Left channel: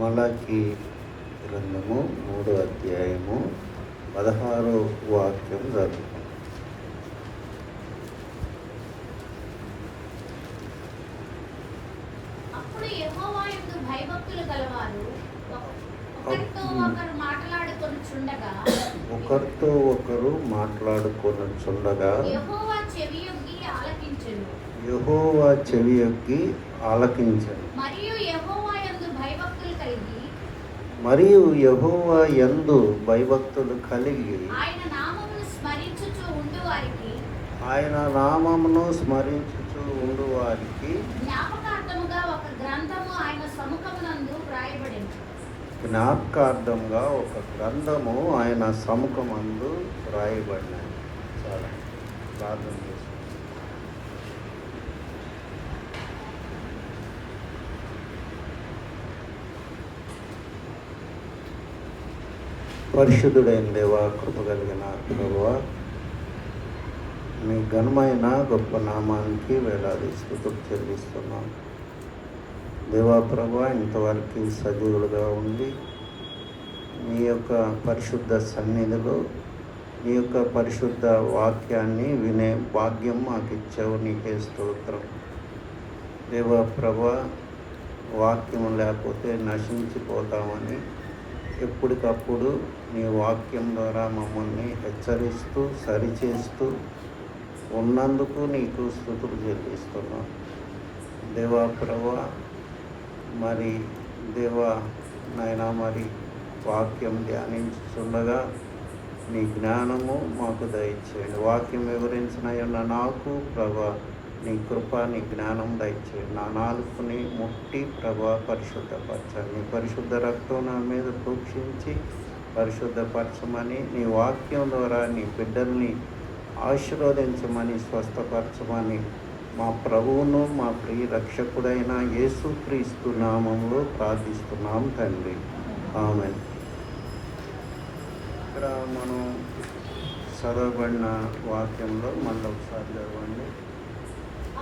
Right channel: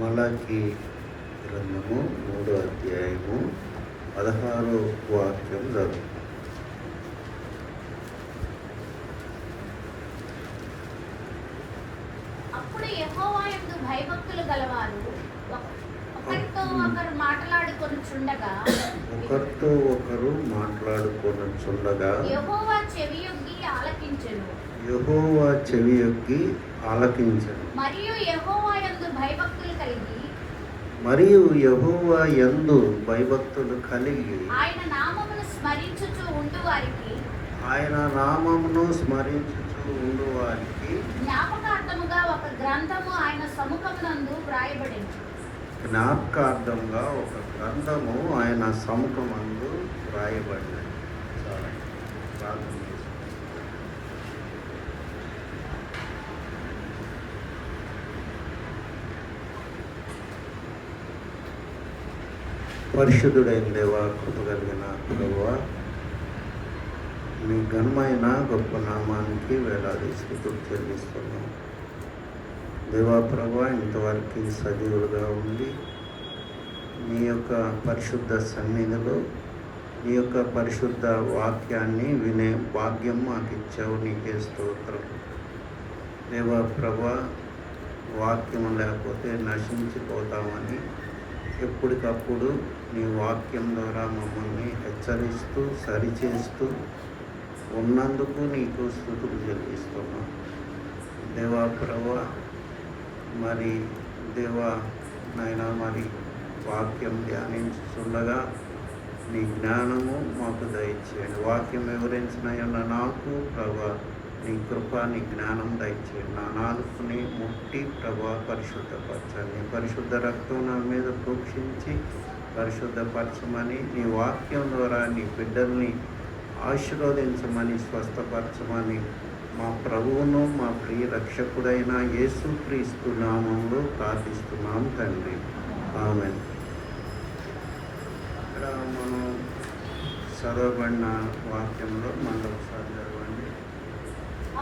మలాకి గ్రంథము 3వ అధ్యాయము 16వ వాక్యం చదువుతాం. అప్పుడు యెహోవా యందు భయభక్తులు గలవారు ఒకరితో ఒకరు మాట్లాడుకొనుచుండగా యెహోవా చెవియొగ్గి ఆలకించెను. మరియు యెహోవా యందు భయభక్తులు కలిగి ఆయన నామమును స్మరించుచు ఉండు వారికి జ్ఞాపకార్థముగా ఒక గ్రంథము ఆయన సముఖమందు వ్రాయబడినది. చాలా ప్రార్థన చేస్తాం. పరిశుద్ధుడైన దేవా, కృప కలిగిన ప్రభువా, మీ ఘనమైన గొప్ప నామానికి వేలాది స్తుతులు చెల్లిస్తున్నాం. దేవా ప్రభువా, ఇంతవరకు సజీవులుగా ఉండి మీ యొక్క పరిశుద్ధ సన్నిధిలో మీ యొక్క పరిశుద్ధ వాక్యాన్ని వినే భాగ్యం మాకు ఇచ్చావు. నీకే స్తోత్రం. దేవా ప్రభువా, వాక్యం లేకపోతే నశించిపోతామని ఎప్పటికప్పుడు నీ వాక్యం ద్వారా మమ్మల్ని హెచ్చరిస్తూ సరిచేస్తూ ఉన్నందుకు నీకు స్తుతులు చెల్లిస్తున్నాం. దేవా ప్రభువా, మరి దేవా నాయనా, మరి వాక్యం ధ్యానించుచుండగా నీ జ్ఞానము మాకు దయచేయండి. వాక్యం వివరించిన నాకు ప్రభా నీ కృప, నీ జ్ఞానం దయచేయండి. నా నాలుకని ముట్టి ప్రభా పరిశుద్ధపరచండి. నీ పరిశుద్ధ రక్తం నా మీద ప్రోక్షించి పరిశుద్ధపరచమని, నీ వాక్యం ద్వారా నీ బిడ్డల్ని ఆశీర్వదించమని, స్వస్థపరచమని మా ప్రభువును మా ప్రియ రక్షకుడైన యేసుక్రీస్తు నామంలో ప్రార్థిస్తున్నాం తండ్రి. ఆమేన్. ఇక్కడ మనం చదవబడిన వాక్యంలో మళ్ళీ ఒకసారి చదవండి.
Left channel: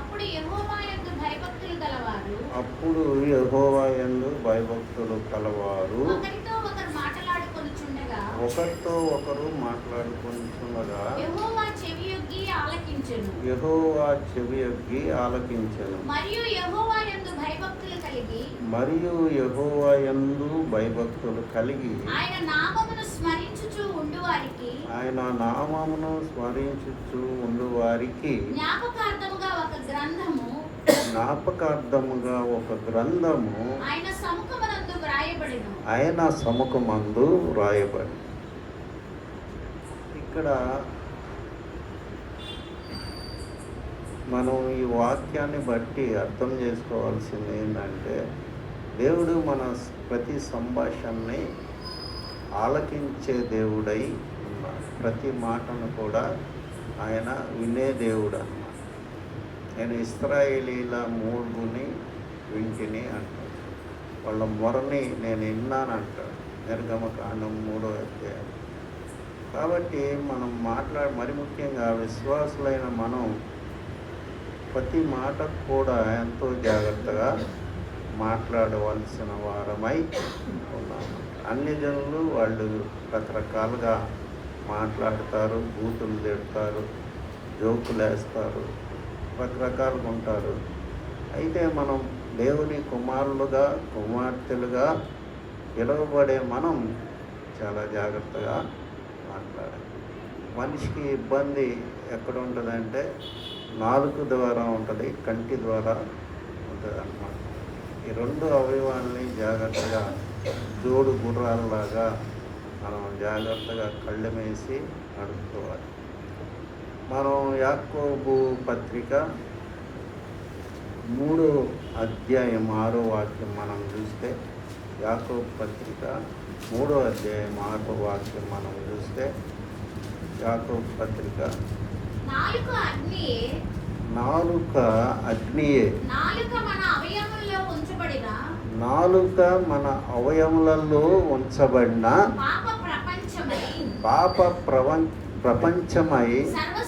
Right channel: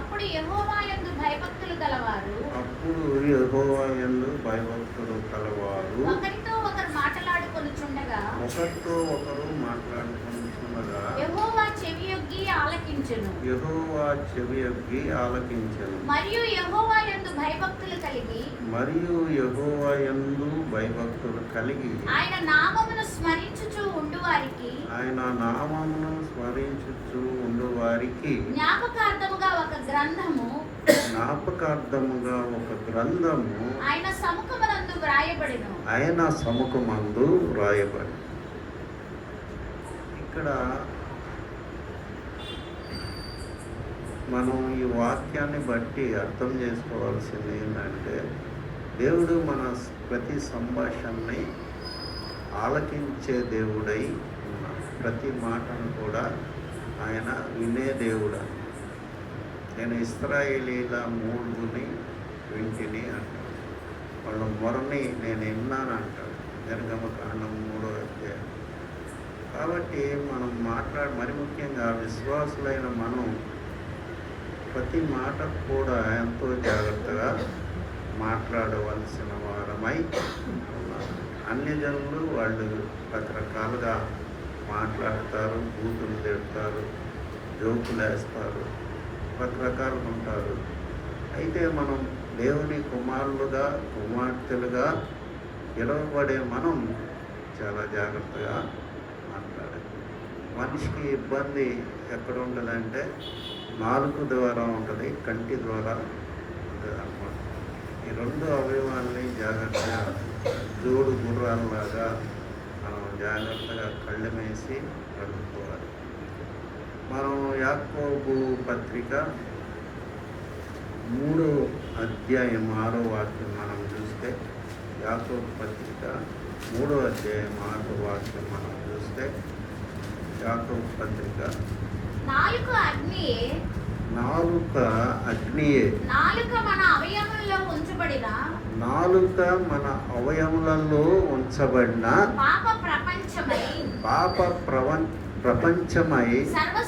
అప్పుడు యెహోవా యందు భయభక్తులు గలవారు ఒకరితో ఒకరు మాట్లాడుకొనుచుండగా యెహోవా చెవియొగ్గి ఆలకించెను. మరియు యెహోవా యందు భయభక్తులు కలిగి ఆయన నామమును స్మరించుచు ఉండు వారికి జ్ఞాపకార్థముగా ఒక గ్రంథము ఆయన సముఖమందు వ్రాయబడి. ఇక్కడ మనం ఈ వాక్యాన్ని బట్టి అర్థం చేసుకోవాల్సింది ఏంటంటే, దేవుడు మన ప్రతి సంభాషణని ఆలకించే దేవుడై ఉన్నాడు. ప్రతి మాటను కూడా ఆయన వినే దేవుడు అన్నాడు. నేను ఇశ్రాయేలీల మూలుగుని వింటిని అంటాడు. వాళ్ళ మొరని నేను విన్నాను అంటాడు. నిర్గమకాండం 3వ అధ్యాయం. కాబట్టి మనం మరి ముఖ్యంగా విశ్వాసులైన మనం ప్రతి మాట కూడా ఎంతో జాగ్రత్తగా మాట్లాడవలసిన వారమై ఉన్నారు. అన్ని జనులు వాళ్ళు రకరకాలుగా మాట్లాడతారు, బూతులు తిడతారు, జోకులు వేస్తారు, రకరకాలుగా ఉంటారు. అయితే మనం దేవుని కుమార్తెలుగా పిలువబడే మనం చాలా జాగ్రత్తగా మాట్లాడాలి. మనిషికి ఇబ్బంది ఎక్కడ ఉంటుందంటే నాలుక ద్వారా ఉంటుంది, కంటి ద్వారా ఉంటుంది అన్నమాట. ఈ రెండు అవయవాల్ని జాగ్రత్తగా జోడు గుర్రాలలాగా మనం జాగ్రత్తగా కళ్ళెమేసి నడుపుకోవాలి. మనం యాకోబు పత్రిక 3వ అధ్యాయం 6వ వాక్యం మనం చూస్తే, యాకోబు పత్రిక 3వ అధ్యాయం 6వ వాక్యం మనం చూస్తే, యాకోబు పత్రిక నాలుక అగ్నియే, నాలుక మన అవయములలో ఉంచబడిన పాప ప్రపంచమై సర్వ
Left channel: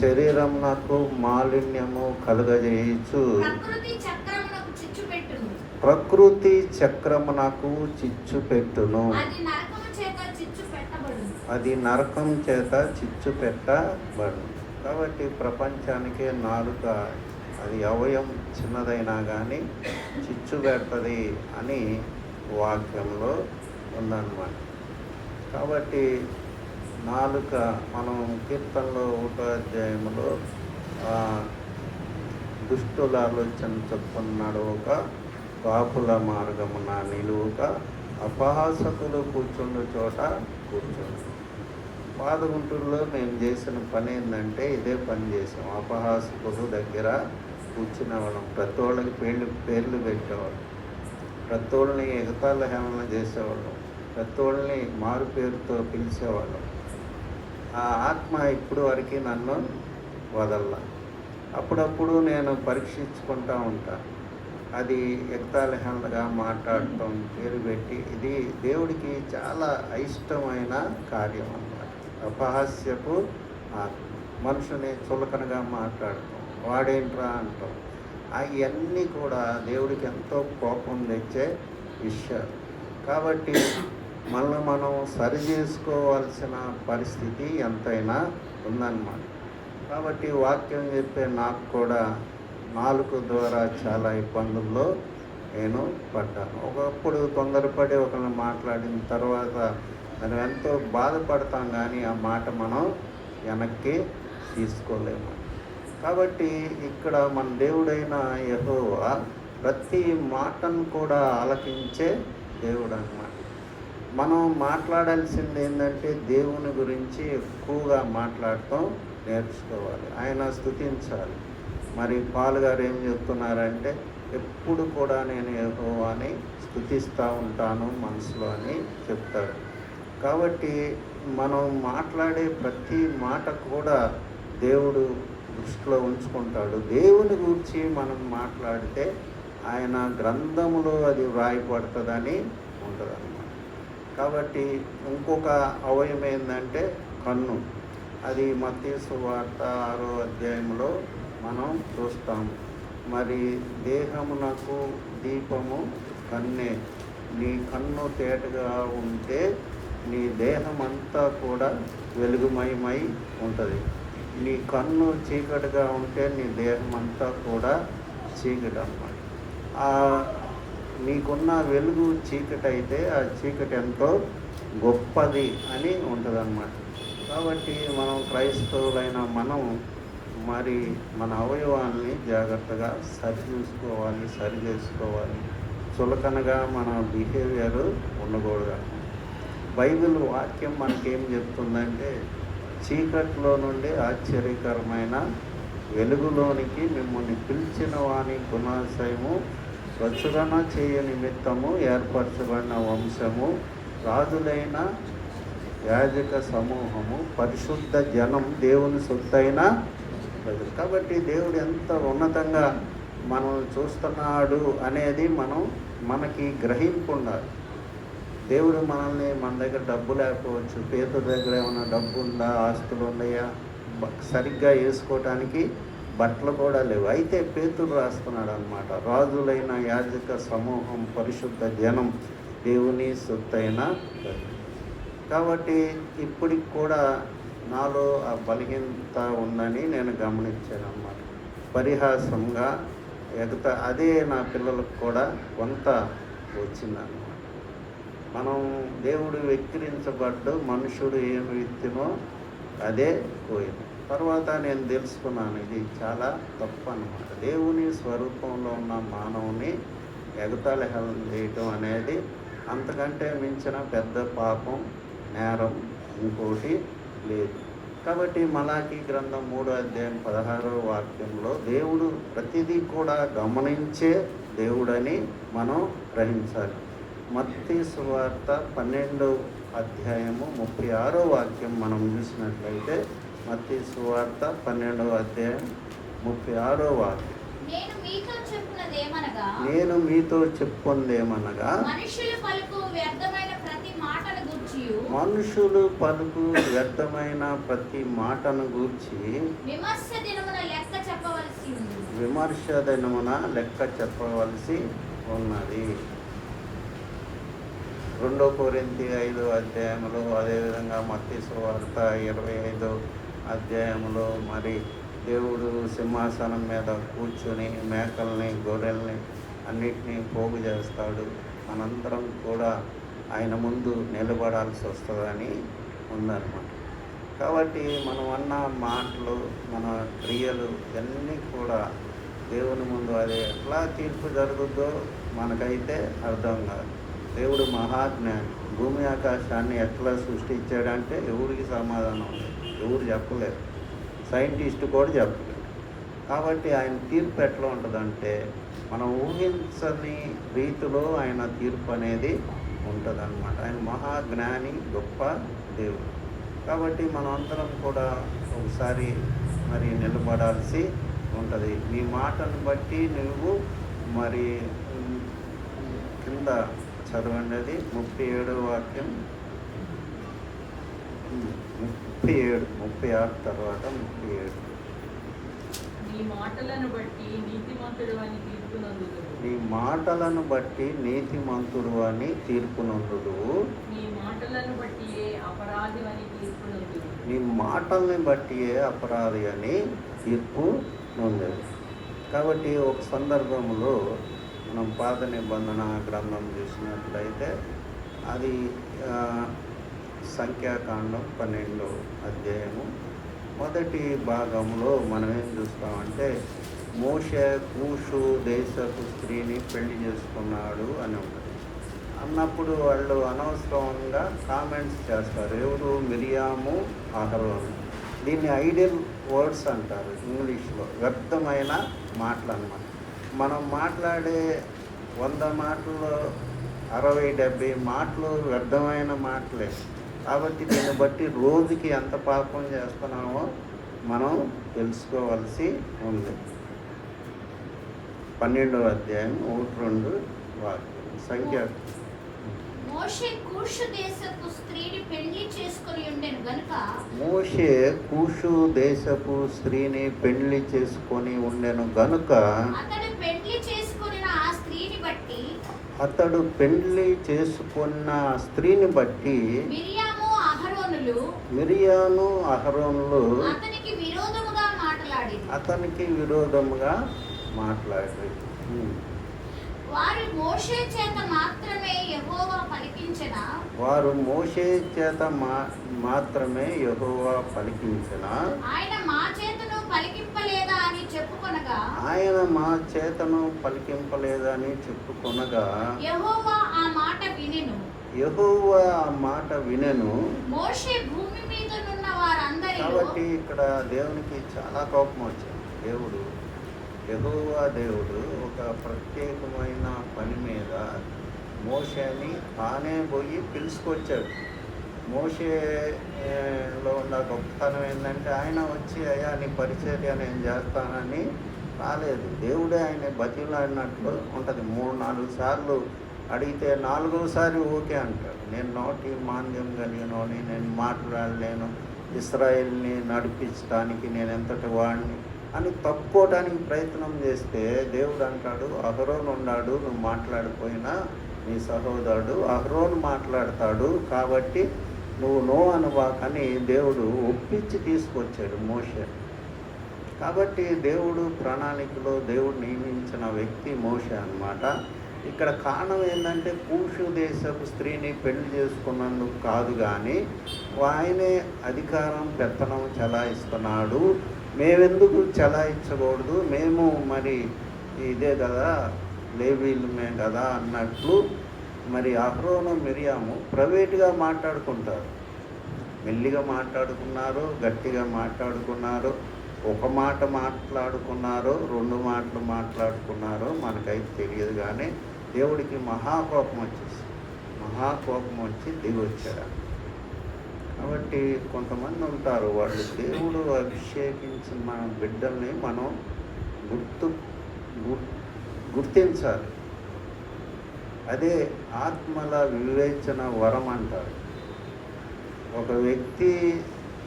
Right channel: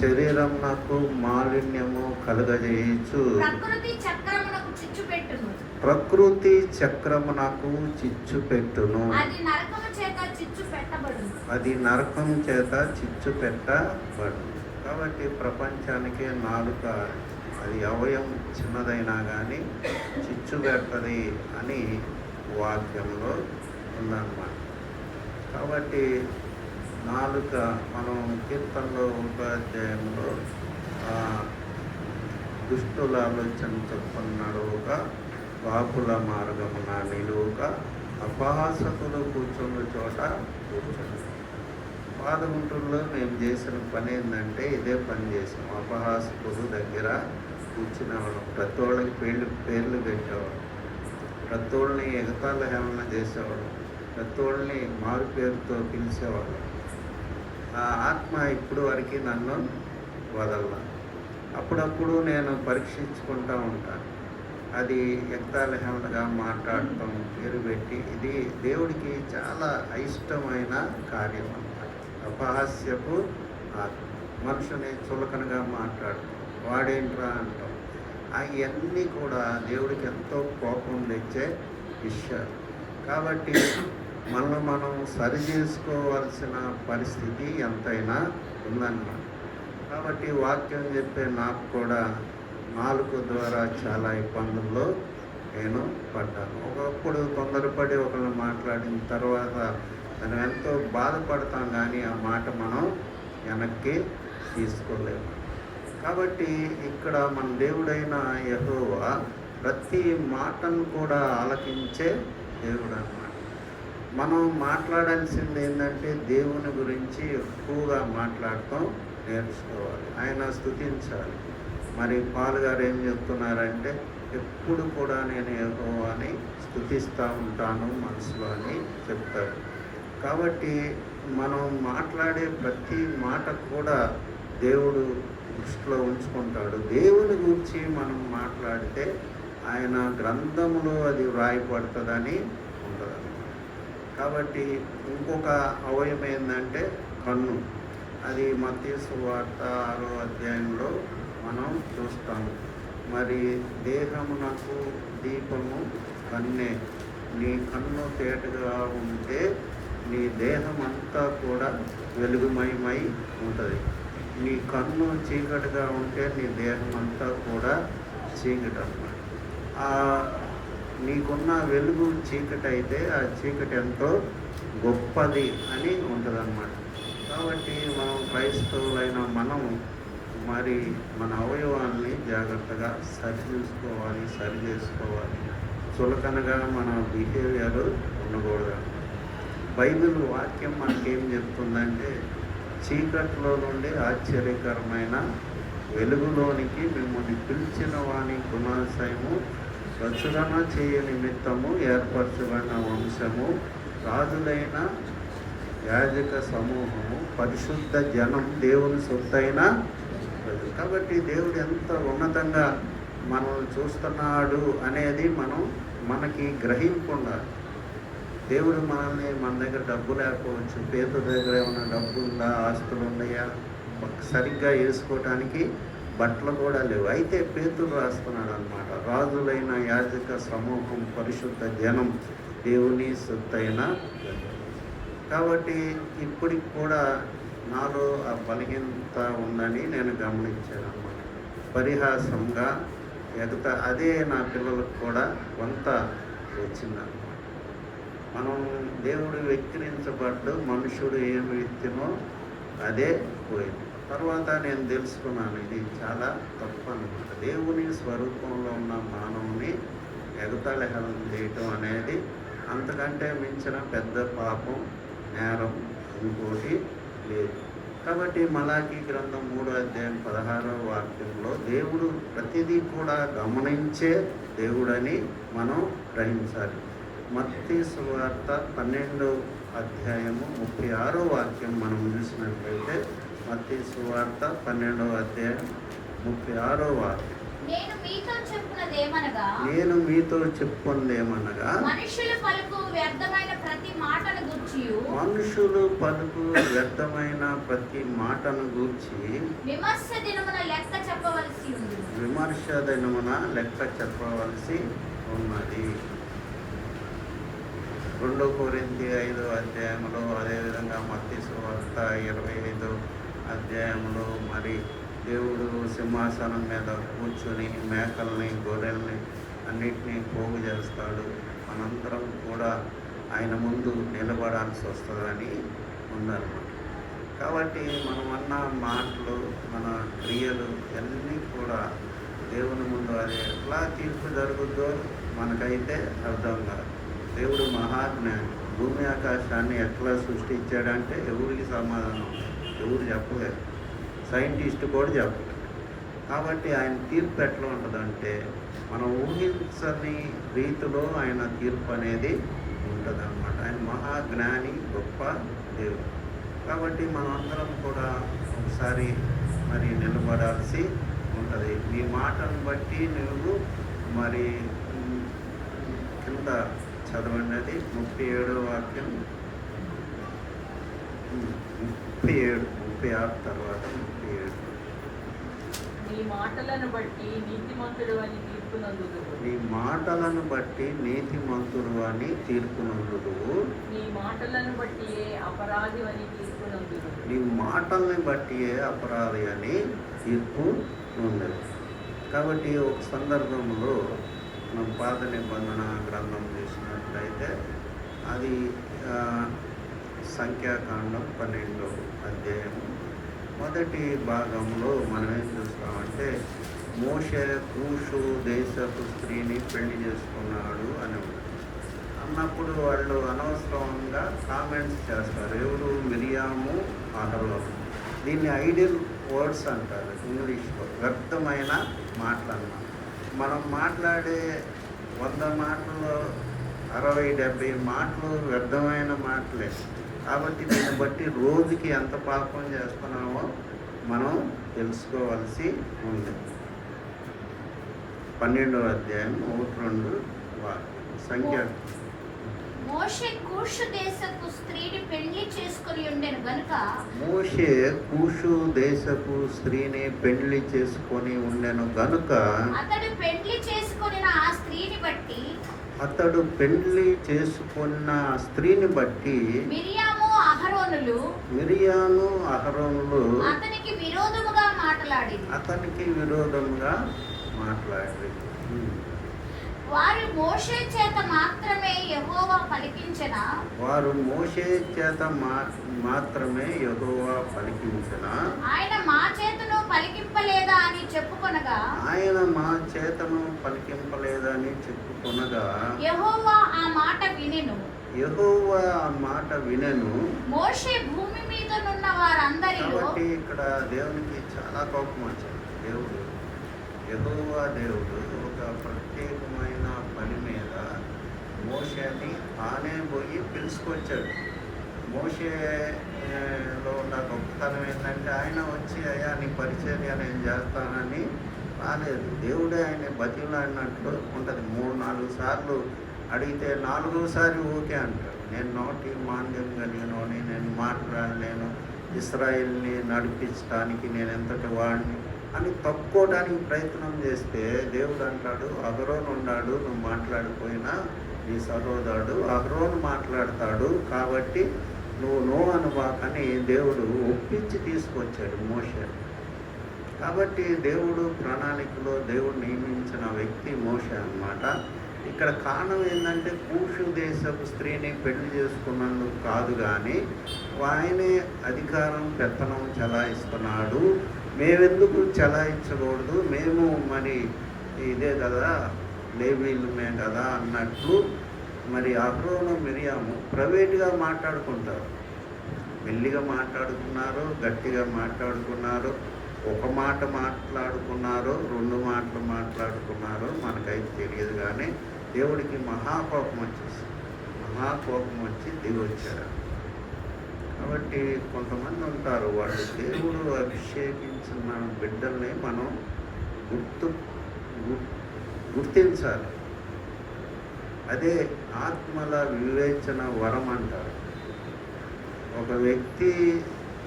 శరీరమునకు మాలిన్యము కలుగజేయచ్చు. చిచ్చు పెట్టును. ప్రకృతి చక్రమునకు చిచ్చు పెట్టును. అది నరకము చేత చిచ్చు పెట్టబడును. అది నరకం చేత చిచ్చు పెట్టబడును. కాబట్టి ప్రపంచానికి నాలుక అది అవయం చిన్నదైనా కానీ చిచ్చు పెడుతుంది అని వాక్యంలో ఉందన్నమాట. కాబట్టి నాలుక మనం కీర్తనలో 1వ అధ్యాయంలో దుష్టుల ఆలోచన చెప్పుకున్నాడు, ఒక కాపుల మార్గమున నిలువుక అపహాసకులు కూర్చున్న చోట కూర్చొని. పాదగుంటూరులో మేము చేసిన పని ఏంటంటే ఇదే పని చేసాం. అపహాసకుడు దగ్గర కూర్చునేవాళ్ళం, ప్రతి వాళ్ళకి పేర్లు పెట్టేవాళ్ళం, ప్రతి వాళ్ళని ఎగతాళ హేళన చేసేవాళ్ళం, ప్రతి వాళ్ళని మారు పేరుతో పిలిచేవాళ్ళం. ఆ ఆత్మ ఇప్పుడు వరకు నన్ను వదల. అప్పుడప్పుడు నేను పరీక్షించుకుంటూ ఉంటాను. అది ఎగతాళ హేళనగా మాట్లాడటం, పేరు పెట్టి, ఇది దేవుడికి చాలా అయిష్టమైన కార్యం. అపహాస్యపు మనుషుని చులకనగా మాట్లాడటం, వాడేంట్రా అంటాం, అవన్నీ కూడా దేవుడికి ఎంతో కోపం తెచ్చే విషయాలు. కాబట్టి మనల్ని మనం సరి చేసుకోవాల్సిన పరిస్థితి ఎంతైనా ఉందన్నమాట. కాబట్టి వాక్యం చెప్పే నాకు కూడా నాలుక ద్వారా చాలా ఇబ్బందుల్లో నేను పడ్డాను. ఒకప్పుడు తొందరపడి ఒకరిని మాట్లాడిన తర్వాత మనం ఎంతో బాధపడతాం, కానీ ఆ మాట మనం వెనక్కి తీసుకోలేము. కాబట్టి ఇక్కడ మన దేవుడైన యెహోవా ప్రతి మాటను కూడా ఆలకించే దేవుడు అన్నమాట. మనం మాట్లాడాల్సింది ఏంటంటే దేవుని గురించి ఎక్కువగా మాట్లాడటం నేర్చుకోవాలి, ఆయన స్తుతించాలి. మరి పాల్ గారు ఏం చెప్తున్నారంటే, ఎప్పుడు కూడా నేను యెహోవాని స్తుతిస్తూ ఉంటాను మనసులో అని చెప్తారు. కాబట్టి మనం మాట్లాడే ప్రతి మాట కూడా దేవుడు దృష్టిలో ఉంచుకుంటాడు. దేవుని గురించి మనం మాట్లాడితే ఆయన గ్రంథములో అది వ్రాయబడుతుందని ఉంటుందన్నమాట. కాబట్టి ఇంకొక అవయం ఏంటంటే కన్ను. అది మత్తయి సువార్త 6వ అధ్యాయంలో మనం చూస్తాము. మరి దేహమునకు దీపము కన్నే, నీ కన్ను తేటగా ఉంటే నీ దేహం అంతా కూడా వెలుగుమయమై ఉంటుంది. నీ కన్ను చీకటిగా ఉంటే నీ దేహం అంతా కూడా చీకటి అన్నమాట. నీకున్న వెలుగు చీకటి అయితే ఆ చీకటి ఎంతో గొప్పది అని ఉంటుందన్నమాట. కాబట్టి మనం క్రైస్తవులైన మనం మరి మన అవయవాన్ని జాగ్రత్తగా సరి చూసుకోవాలి, సరి చేసుకోవాలి. చులకనగా మన బిహేవియర్ ఉండకూడదు. బైబిల్ వాక్యం మనకేం చెప్తుందంటే, చీకట్లో నుండి ఆశ్చర్యకరమైన వెలుగులోనికి మిమ్మల్ని పిలిచిన వాని గుణాశయము, ప్రచురణ చేయ నిమిత్తము ఏర్పరచబడిన వంశము, రాజులైన యాజక సమూహము, పరిశుద్ధ జనం, దేవుని సొత్తైన ప్రజలు. కాబట్టి దేవుడు ఎంత ఉన్నతంగా మనం చూస్తున్నాడు అనేది మనకి గ్రహింపు ఉండాలి. దేవుడు మనల్ని, మన దగ్గర డబ్బు లేకపోవచ్చు, పేదల దగ్గర ఏమైనా డబ్బు ఉందా, ఆస్తులు ఉన్నాయా, సరిగ్గా వేసుకోవటానికి బట్టలు కూడా లేవు. అయితే పేతురు రాస్తున్నాడు అన్నమాట, రాజులైన యాజక సమూహం, పరిశుద్ధ జనం, దేవుని సొత్తైన. కాబట్టి ఇప్పటికి కూడా నాలో ఆ బలహీనత ఉందని నేను గమనించాను అన్నమాట. పరిహాసంగా అదే నా పిల్లలకు కూడా కొంత వచ్చిందన్నమాట. మనం దేవుడు వెక్కిరించబడ్డు, మనుషుడు ఏమి విత్తినో అదే పోయింది. తర్వాత నేను తెలుసుకున్నాను, ఇది చాలా తప్పు అన్నమాట. దేవుని స్వరూపంలో ఉన్న మానవుని ఎగతాళి హేళన చేయటం అనేది అంతకంటే మించిన పెద్ద పాపం, నేరం ఇంకోటి లేదు. కాబట్టి మలాకీ గ్రంథం 3వ అధ్యాయం 16వ వాక్యంలో దేవుడు ప్రతిదీ కూడా గమనించే దేవుడని మనం గ్రహించాలి. మత్తయి సువార్త 12వ అధ్యాయము 36వ వాక్యం మనం చూసినట్లయితే, మత్తయి సువార్త 12వ అధ్యాయం 36వ వాక్యం, నేను మీతో చెప్పున్నదేమనగా మనుషులు పలుకు వ్యర్థమైన ప్రతి మాటను గూర్చి విమర్శ విమర్శ దినమున లెక్క చెప్పవలసి ఉన్నది. 2 కొరింథీ 5 అధ్యాయంలో, అదేవిధంగా మత్తయి సువార్త 25 అధ్యాయంలో మరి దేవుడు సింహాసనం మీద కూర్చొని మేకల్ని, గొర్రెల్ని అన్నిటినీ పోగు చేస్తాడు. మనందరం కూడా ఆయన ముందు నిలబడాల్సి వస్తుందని ఉందన్నమాట. కాబట్టి మనం అన్న మాటలు, మన క్రియలు అన్నీ కూడా దేవుని ముందు అది ఎట్లా తీర్పు జరుగుద్దో మనకైతే అర్థం కాదు. దేవుడు మహాజ్ఞాని. భూమి ఆకాశాన్ని ఎట్లా సృష్టించాడంటే ఎవరికి సమాధానం లేదు, ఎవరు చెప్పలేరు, సైంటిస్ట్ కూడా చెప్పలేరు. కాబట్టి ఆయన తీర్పు ఎట్లా ఉంటుందంటే మనం ఊహించని రీతిలో ఆయన తీర్పు అనేది ఉంటుందన్నమాట. ఆయన మహాజ్ఞాని, గొప్ప దేవుడు. కాబట్టి మనం అందరం కూడా ఒకసారి మరి నిలబడాల్సి ఉంటుంది. నీ మాటను బట్టి నువ్వు మరి కింద చదవండి, అది 37 వాక్యం, 37, 36 తర్వాత 37. నీ మాటలను బట్టి నీతిమంతుడు అని తీర్పునందుదువు. నీ మాటలను బట్టి నీతిమంతుడు అని తీర్పునందుదువు. నీ మాటలను బట్టియే అపరాధి అని తీర్పునందుదువు. నీ మాటల్ని బట్టియే అపరాధి అని తీర్పు ఉంది. కాబట్టి ఒక సందర్భంలో మనం పాత నిబంధన గ్రంథం చూసినట్లయితే అది సంఖ్యాకాండం 12వ అధ్యాయము మొదటి భాగంలో మనం ఏం చూస్తామంటే మోషే కూషు దేశపు స్త్రీని పెళ్లి చేసుకున్నాడు అని అన్నప్పుడు వాళ్ళు అనవసరంగా కామెంట్స్ చేస్తారు. ఎవరు? మిరియాము, అహరోను. దీన్ని ఐడియల్ వర్డ్స్ అంటారు ఇంగ్లీష్లో, వ్యర్థమైన మాటలు అన్నమాట. మనం మాట్లాడే 100 మాటల్లో 60-70 మాటలు వ్యర్థమైన మాటలే. కాబట్టి దీన్ని బట్టి రోజుకి ఎంత పాపం చేస్తున్నామో మనం తెలుసుకోవాల్సి ఉంది. 12వ అధ్యాయం 1-2 సంఖ్య. మోషే కూషు దేశపు స్త్రీని పెళ్లి చేసుకొని ఉండెను గనుక మోషే కూషు దేశపు స్త్రీని పెళ్లి చేసుకొని ఉండెను గనుక అతడు పెళ్లి చేసుకొనిన ఆ స్త్రీని బట్టి అతడు పెళ్లి చేసుకున్న స్త్రీని బట్టి మిరియాను అహరోనులు అతనికి విరోధముగా మాట్లాడారు. వారు మోషే చేత మాత్రమే యెహోవా పలికించిన ఆయన మా చేతను పలికింపలేదా అని చెప్పుకొనగా యెహోవా ఆ మాట వినెను. మోషే భూమి మీద నున్న వారందరిలో. కాబట్టి ఇక్కడ దేవునికి చాలా కోపం వచ్చింది. యెహోవా దేవుడు ఒక ప్రత్యేకమైన పని మీద మోషేని తానే పోయి పిలుచుకొచ్చాడు. మోషేలో ఉన్న గొప్పతనం ఏంటంటే ఆయన వచ్చి అయ్యా నీ పరిచర్య నేను చేస్తానని రాలేదు. దేవుడే ఆయన బతిలాడినట్లు ఉంటుంది. 3-4 సార్లు అడిగితే 4వసారి ఓకే అంటాడు. నేను నోటి మాంద్యం కలిగినోని, నేను మాట్లాడలేను, ఇశ్రాయేల్ని నడిపించడానికి నేను ఎంతటి వాడిని అని తప్పుకోవడానికి ప్రయత్నం చేస్తే దేవుడు అంటాడు, అహరోను ఉన్నాడు, నువ్వు మాట్లాడిపోయినా నీ సహోదరుడు అహరోను మాట్లాడతాడు, కాబట్టి నువ్వు నో అనువాకని దేవుడు ఒప్పించి తీసుకొచ్చాడు మోషే. కాబట్టి దేవుడు ప్రణాళికలో దేవుడు నియమించిన వ్యక్తి మోషే అన్నమాట. ఇక్కడ కారణం ఏంటంటే కూషు దేశపు స్త్రీని పెళ్లి చేసుకున్నందుకు కాదు, కానీ ఆయనే అధికారం పెత్తనం చలాయిస్తున్నాడు. మేమెందుకు చలాయించకూడదు, మేము మరి ఇదే కదా లేవీలమే కదా అన్నట్లు మరి అహరోను మిరియాము ప్రైవేట్గా మాట్లాడుకుంటారు. మెల్లిగా మాట్లాడుకున్నారు, గట్టిగా మాట్లాడుకున్నారు, ఒక మాట మాట్లాడుకున్నారు, 2 మాటలు మాట్లాడుకున్నారు, మనకైతే తెలియదు. కానీ దేవుడికి మహాకోపం వచ్చి దిగి వచ్చారు. కాబట్టి కొంతమంది ఉంటారు, వాళ్ళు దేవుడు అభిషేకించిన బిడ్డల్ని మనం గుర్తించాలి. అదే ఆత్మల వివేచన వరం అంటారు. ఒక వ్యక్తి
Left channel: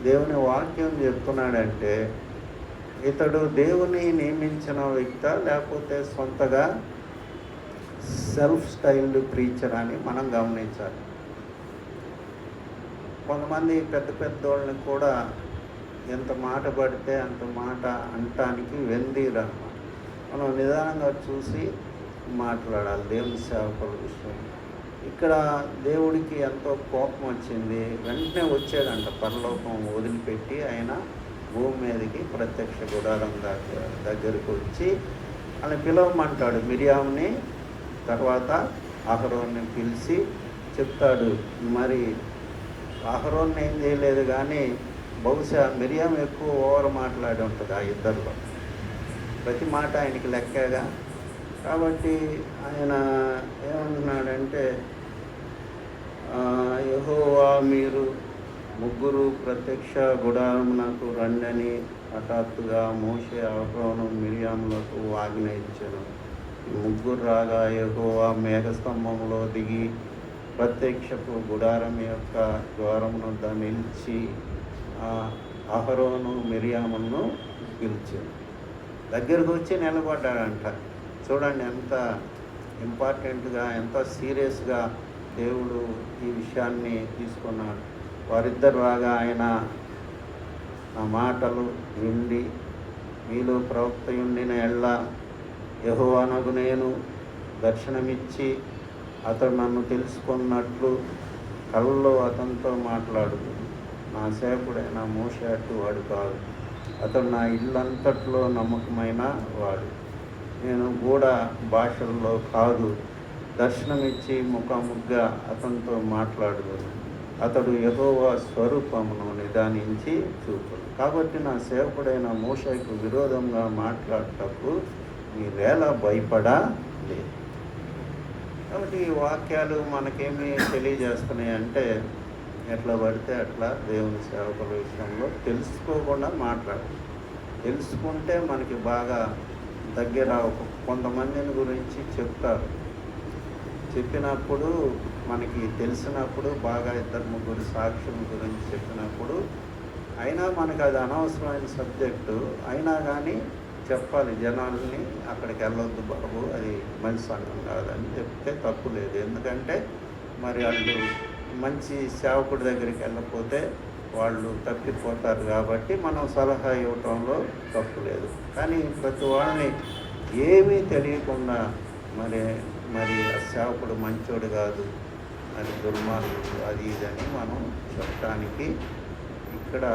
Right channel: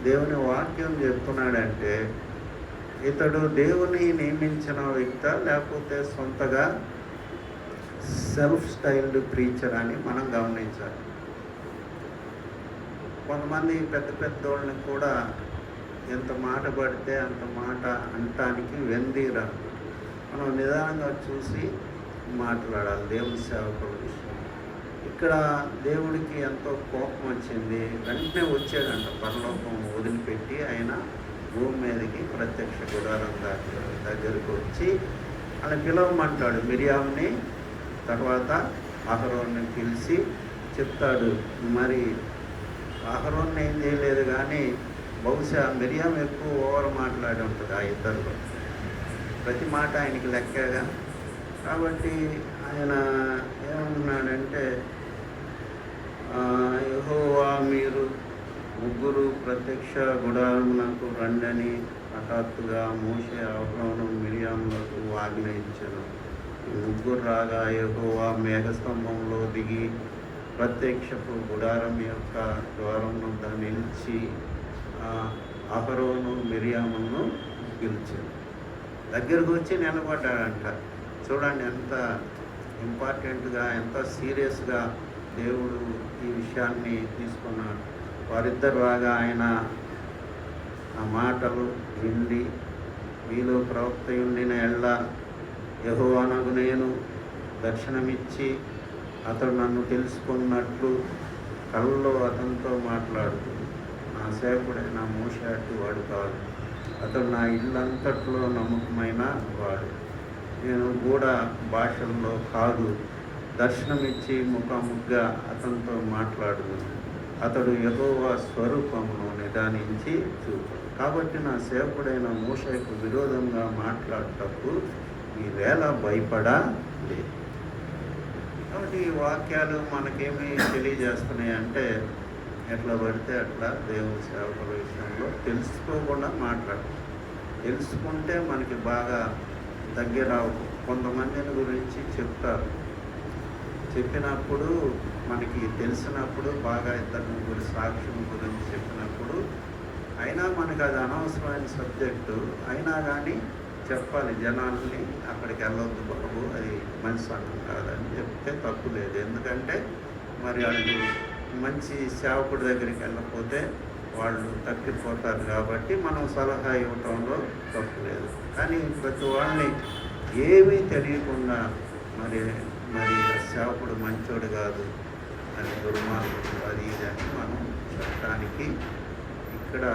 దేవుని వాక్యం చెప్తున్నాడంటే ఇతడు దేవుని నియమించిన వ్యక్త లేకపోతే సొంతగా సెల్ఫ్ స్టైల్డ్ ప్రీచర్ అని మనం గమనించాలి. కొంతమంది పెద్ద పెద్దోళ్ళని కూడా ఎంత మాట పడితే అంత మాట అనటానికి వెందీరా. మనం నిదానంగా చూసి మాట్లాడాలి దేవుని సేవకుల విషయం. ఇక్కడ దేవుడికి ఎంతో కోపం వచ్చింది. వెంటనే వచ్చాడంట, పరలోకం వదిలిపెట్టి ఆయన భూమి మీదకి ప్రత్యక్ష గుడారం దగ్గరికి వచ్చి ఆయన పిలవమంటాడు మిరియామ్ని, తర్వాత అహరోన్ని పిలిచి చెప్తాడు. మరి అహరోన్ని ఏం చేయలేదు, కానీ బహుశా మిరియాం ఎక్కువ ఓవర్ మాట్లాడి ఉంటుంది ఆ ఇద్దరిలో. ప్రతి మాట ఆయనకి లెక్కగా. కాబట్టి ఆయన ఏమన్నాడంటే, యెహోవా మీరు ముగ్గురు ప్రత్యక్ష గుడారమునకు రండని హఠాత్తుగా మోషే అహరోను మిరియాములకు ఆజ్ఞ ఇచ్చారు. ముగ్గురు రాగా యెహోవా మేఘస్తంభంలో దిగి ప్రత్యక్షపు గుడారం యొక్క ద్వారం వద్ద నిలిచి అహరోను మిరియాములను పిలిచారు. దగ్గరకు వచ్చి నిలబడ్డాడంట. చూడండి ఎంత ఇంపార్టెంట్గా, ఎంత సీరియస్గా దేవుడు ఈ విషయాన్ని తీసుకున్నాడు. వారిద్దరు రాగా ఆయన ఆ మాటలు విండి, మీలో ప్రవక్త ఉండిన ఎళ్ళ యెహోవానగు నేను దర్శనమిచ్చి అతడు నన్ను తెలుసుకున్నట్లు కళ్ళలో అతనితో మాట్లాడుతుంది. నా సేవకుడైన మోషే అట్టు వాడు కాదు, అతడు నా ఇల్లంతట్లో నమ్మకమైన వాడు. నేను కూడా భాషల్లో కాదు, దర్శనమిచ్చి ముఖాముఖిగా అతనితో మాట్లాడుతుంది. అతడు యెహోవా స్వరూపమును నిదానించి చూపు. కాబట్టి నా సేవకుడైన మోషేకు విరోధంగా మాట్లాడేటప్పుడు మీవేళ భయపడలేదు. కాబట్టి ఈ వాక్యాలు మనకేమి తెలియజేస్తున్నాయి అంటే, ఎట్లా పడితే అట్లా దేవుని సేవకుల విషయంలో తెలుసుకోకుండా మాట్లాడాలి. తెలుసుకుంటే మనకి బాగా దగ్గర. కొంతమందిని గురించి చెప్తారు, చెప్పినప్పుడు మనకి తెలిసినప్పుడు బాగా ఇద్దరు ముగ్గురు సాక్షుల గురించి చెప్పినప్పుడు అయినా మనకు అది అనవసరమైన సబ్జెక్టు అయినా కానీ చెప్పాలి జనాల్ని, అక్కడికి వెళ్ళొద్దు బాబు, అది మంచి సంఘం కాదని చెప్తే తప్పు లేదు. ఎందుకంటే మరి వాళ్ళు మంచి సేవకుడి దగ్గరికి వెళ్ళకపోతే వాళ్ళు తప్పిపోతారు. కాబట్టి మనం సలహా ఇవ్వటంలో తప్పు లేదు. కానీ ప్రతి వాళ్ళని ఏమీ తెలియకుండా మరి ఆ సేవకుడు మంచోడు కాదు అని, దుర్మార్గుడు అది ఇదని మనం చెప్పడానికి ఇక్కడ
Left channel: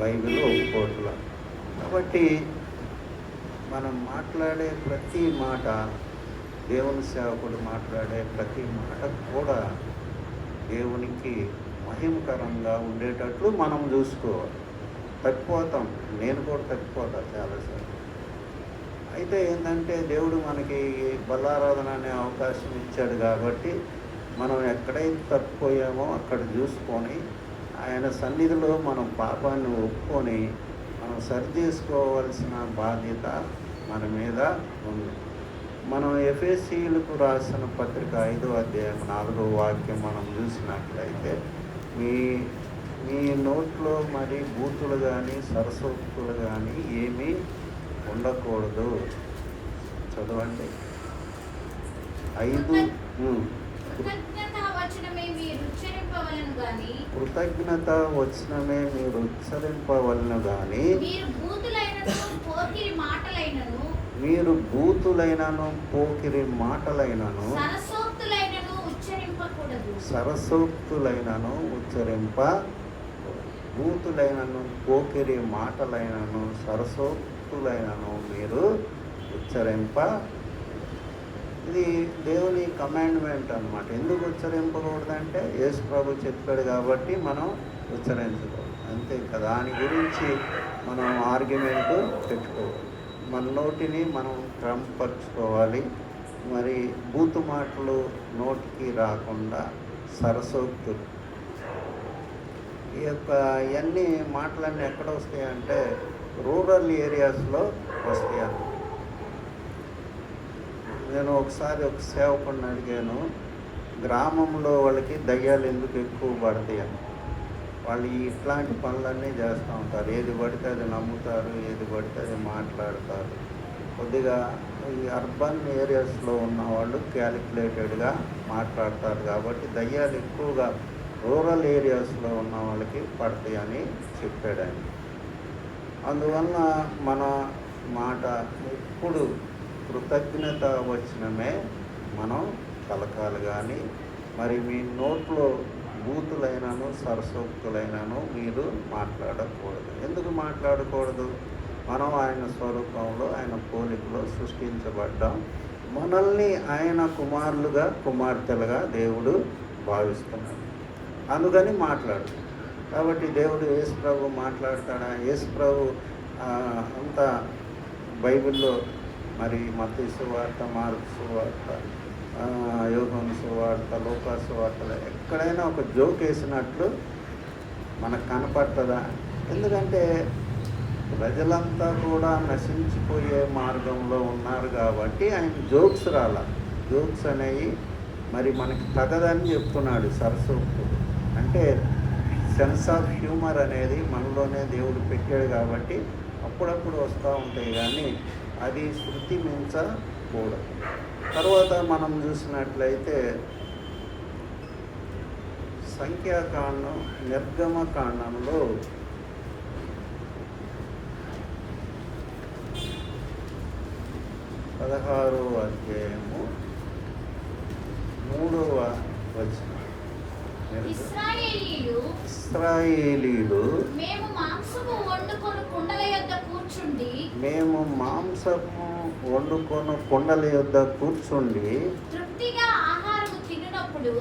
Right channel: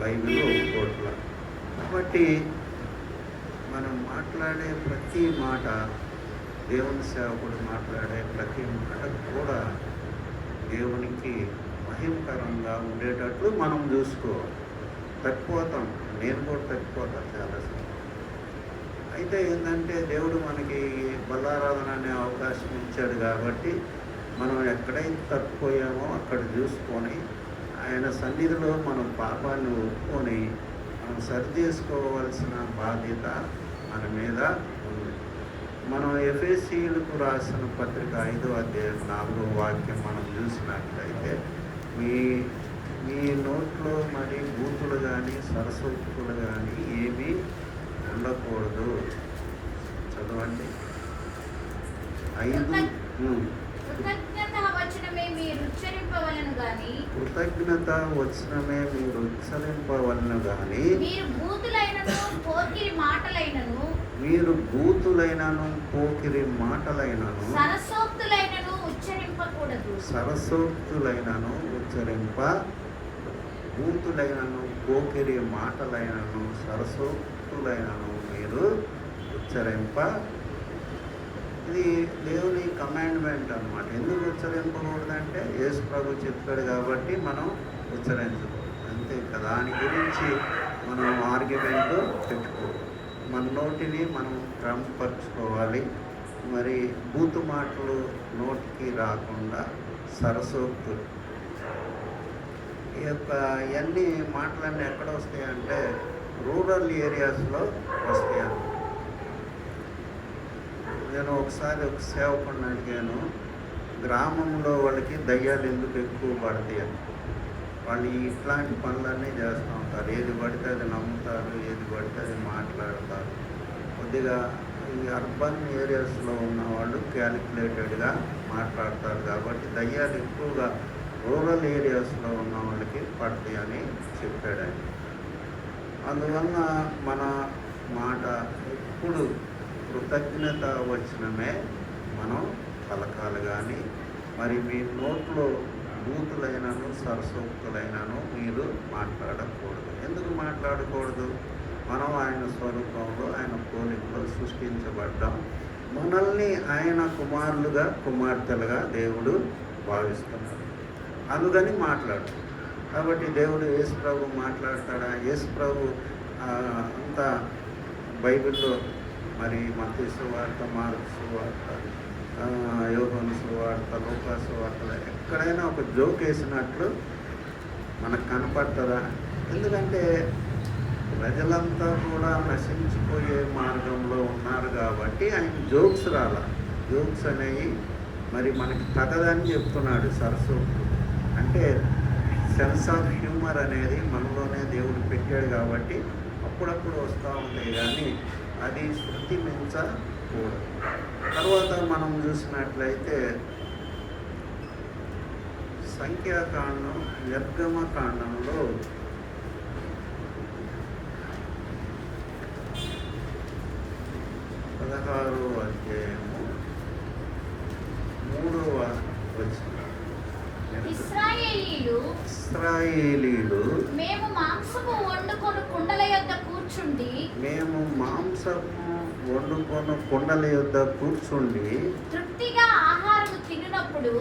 బైబిల్ ఒప్పుకోవట్ల. కాబట్టి మనం మాట్లాడే ప్రతి మాట, దేవుని సేవకుడు మాట్లాడే ప్రతి మాట కూడా దేవునికి మహిమకరంగా ఉండేటట్లు మనం చూసుకోవాలి. తప్పిపోతాం, నేను కూడా తప్పిపోతాను చాలాసార్లు. అయితే ఏంటంటే దేవుడు మనకి బలారాధన అనే అవకాశం ఇచ్చాడు కాబట్టి మనం ఎక్కడైతే తప్పిపోయామో అక్కడ చూసుకొని ఆయన సన్నిధిలో మనం పాపాన్ని ఒప్పుకొని మనం సరిచేసుకోవాల్సిన బాధ్యత మన మీద ఉంది. మనం ఎఫెసీయులకు రాసిన పత్రిక 5వ అధ్యాయం 4వ వాక్యం మనం చూసినట్లయితే, మీ నోట్లో మరి బూతులు కానీ సరస్వతులు కానీ ఏమీ ఉండకూడదు. చదవండి. 5 కృతజ్ఞత వచనమే మీరు ఉచ్చరింపవలెను గాని మీరు బూతులైనను పోకిరి మాటలైనను సరసోక్తులైనను బూతులైనను పోకిరి మాటలైనను సరసోక్తులైనను మీరు ఉచ్చరింప. ఇది దేవుని కమాండ్మెంట్ అన్నమాట. ఎందుకు ఉచ్చరింపకూడదంటే యేసు ప్రభు చెప్పాడు కాబట్టి మనం ఉచ్చరించకూడదు, అంతే కదా. దాని గురించి మనం ఆర్గ్యుమెంట్ పెట్టుకోవాలి. మన నోటిని మనం క్రమపరుచుకోవాలి. మరి బూతు మాటలు నోటికి రాకుండా సరసోక్తులు, ఈ యొక్క ఇవన్నీ మాటలన్నీ ఎక్కడ వస్తాయంటే రూరల్ ఏరియాస్లో వస్తాయి. నేను ఒకసారి ఒక సేవకుడిని అడిగాను, గ్రామంలో వాళ్ళకి దయ్యాలు ఎందుకు ఎక్కువ పడతాయి అని. వాళ్ళు ఇట్లాంటి పనులన్నీ చేస్తూ ఉంటారు. ఏది పడితే అది నమ్ముతారు, ఏది పడితే అది మాట్లాడతారు. కొద్దిగా ఈ అర్బన్ ఏరియాస్లో ఉన్న వాళ్ళు క్యాలిక్యులేటెడ్గా మాట్లాడతారు కాబట్టి దయ్యాలు ఎక్కువగా రూరల్ ఏరియాస్లో ఉన్న వాళ్ళకి పడతాయి అని చెప్పాడు ఆయన. అందువల్ల మన మాట ఎప్పుడు కృతజ్ఞత వచనమే మనం పలకాలి. కానీ మరి మీ నోట్లో బూతులైనను సరసోక్తులైనను మీరు మాట్లాడకూడదు. ఎందుకు మాట్లాడకూడదు? మనం ఆయన స్వరూపంలో ఆయన పోలికలో సృష్టించబడ్డాం. మనల్ని ఆయన కుమారులుగా కుమార్తెలుగా దేవుడు భావిస్తున్నాడు. అందుకని మాట్లాడు. కాబట్టి దేవుడు యేసు ప్రభు మాట్లాడతాడా? యేసు ప్రభు అంతా బైబిల్లో మరి మత్తయి సువార్త, మార్కు సువార్త, యోహాను సువార్త, లూకా సువార్తలో ఎక్కడైనా ఒక జోక్ వేసినట్లు మనకు కనపడుతుందా? ఎందుకంటే ప్రజలంతా కూడా నశించిపోయే మార్గంలో ఉన్నారు కాబట్టి ఆయన జోక్స్ జోక్స్ అనేవి మరి మనకి తగదని చెప్తున్నాడు. సరస్వతి అంటే సెన్స్ ఆఫ్ హ్యూమర్ అనేది మనలోనే దేవుడు పెట్టాడు కాబట్టి అప్పుడప్పుడు వస్తూ ఉంటాయి. కానీ అది శృతి మించకూడదు. తర్వాత మనం చూసినట్లయితే సంఖ్యాకాండం, నిర్గమకాండంలో 16వ అధ్యాయము 3వ వచనం. ఇశ్రాయేలీలు మేము మాంసము వండుకొని కుండల యొద్ద కూర్చుండి తృప్తిగా ఆహారం తిన్నప్పుడు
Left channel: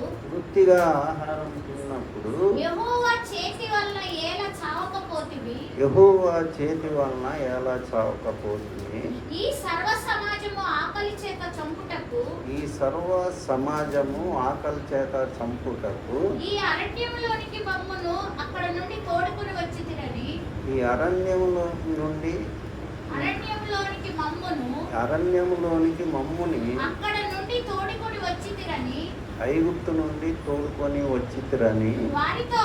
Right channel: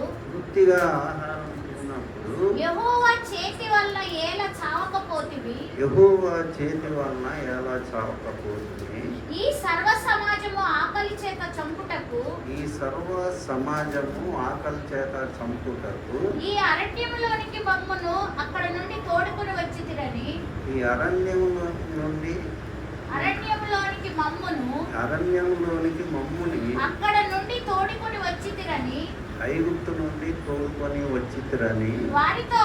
యెహోవా చేతి వలన ఎలా చావకపోతివి ఈ సర్వ సమాజము ఆకలి చేత చంపుటకు ఈ అరణ్యములోనికి మమ్మును అక్కడ నుండి తోడుకొని వచ్చితిరని అరణ్యములోనికి మమ్ముని అక్కడ నుండి తోడుకొని వచ్చితిరని ఐగుప్తు నుండి తోడుకొని వచ్చితిరని వారితో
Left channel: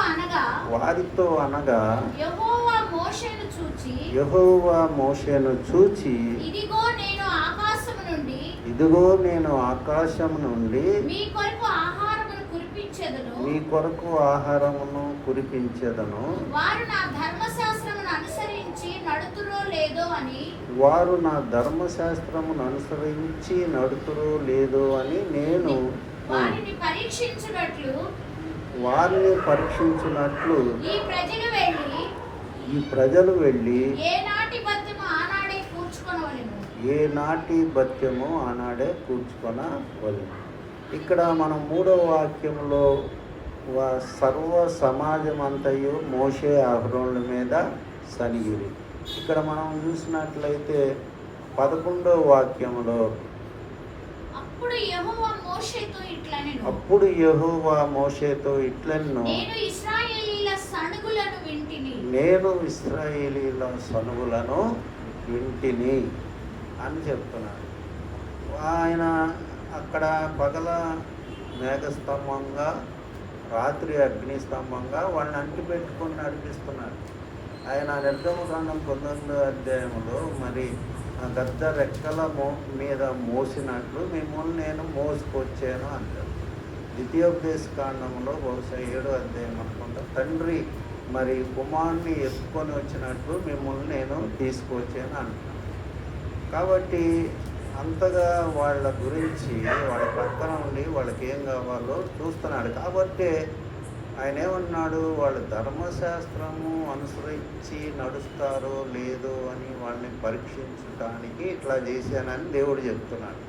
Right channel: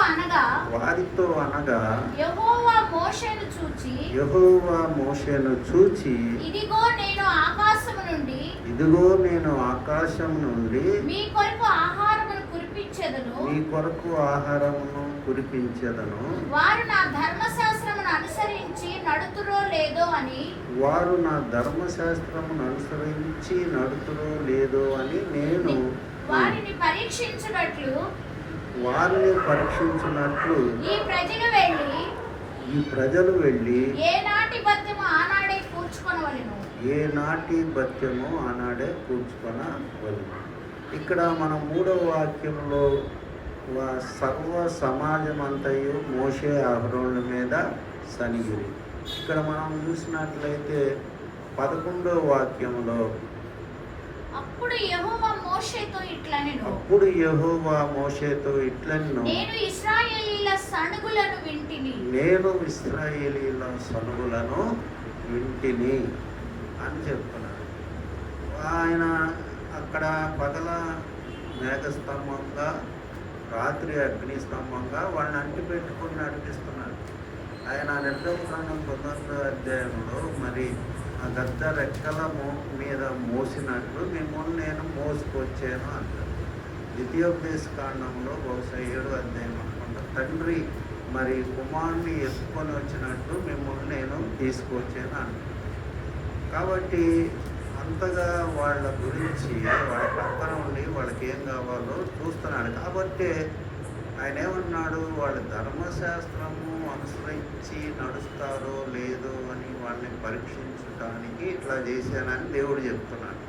అనగా యెహోవా మోషేను చూచి ఇదిగో నేను ఆకాశం నుండి మీ కొరకు ఆహారమును కురిపించెదను వారు నా ధర్మశాస్త్రమును అనుసరించి నడుతురో లేదో అని నేను వారిని పరీక్షించినట్లు ఈ ప్రజలు వెళ్ళి ఏనాటి బత్యము ఆనాడే కూర్చుకొనవలెను. ఇక్కడ మనం 3వ వాక్యంలో సర్వ సమాజం అంతయు మోషే అహరోనుల మీద సనిగిరి. ఇక్కడ మనం చూసినట్లయితే 11వ వాక్యంలో అప్పుడు యెహోవా మోషేతో ఇట్లనెను నేను ఇశ్రాయేలీల సనుగులను వింటిని అని చెప్తున్నాడు. ఆయన అక్కడ పగల మేఘస్తంభంగా, రాత్రి అగ్నిస్తంభంగా వాళ్ళని అంటిపెట్టుకొని నడిపిస్తున్నాడు. ఆయన నిర్గమకాండం 19వ అధ్యాయంలో మరి గద్ద రెక్కల మీద మోసినట్లు మిమ్మల్ని నేను మోసుకొచ్చాను అంటారు. ద్వితీయోపదేశ కాండంలో బహుశా 7వ అధ్యాయం అనుకుంటా తండ్రి మరి కుమారుని ఎత్తుకొని వచ్చినట్లు మిమ్మల్ని నేను తీసుకొచ్చాను అంటారు. కాబట్టి అంతగా వాళ్ళ గురించి వాళ్ళ పక్కన ఉండి వాళ్ళకి ఏం కావాలో చూస్తున్నాడు. కాబట్టి ఆయన ఏమన్నాడు? వాళ్ళు ధర్మశాస్త్రము అనుసరించి నడుస్తారో లేదో అని వాళ్ళని పరీక్షించడానికి ఇట్లా చేశానని దేవుడు చెప్తున్నాడు.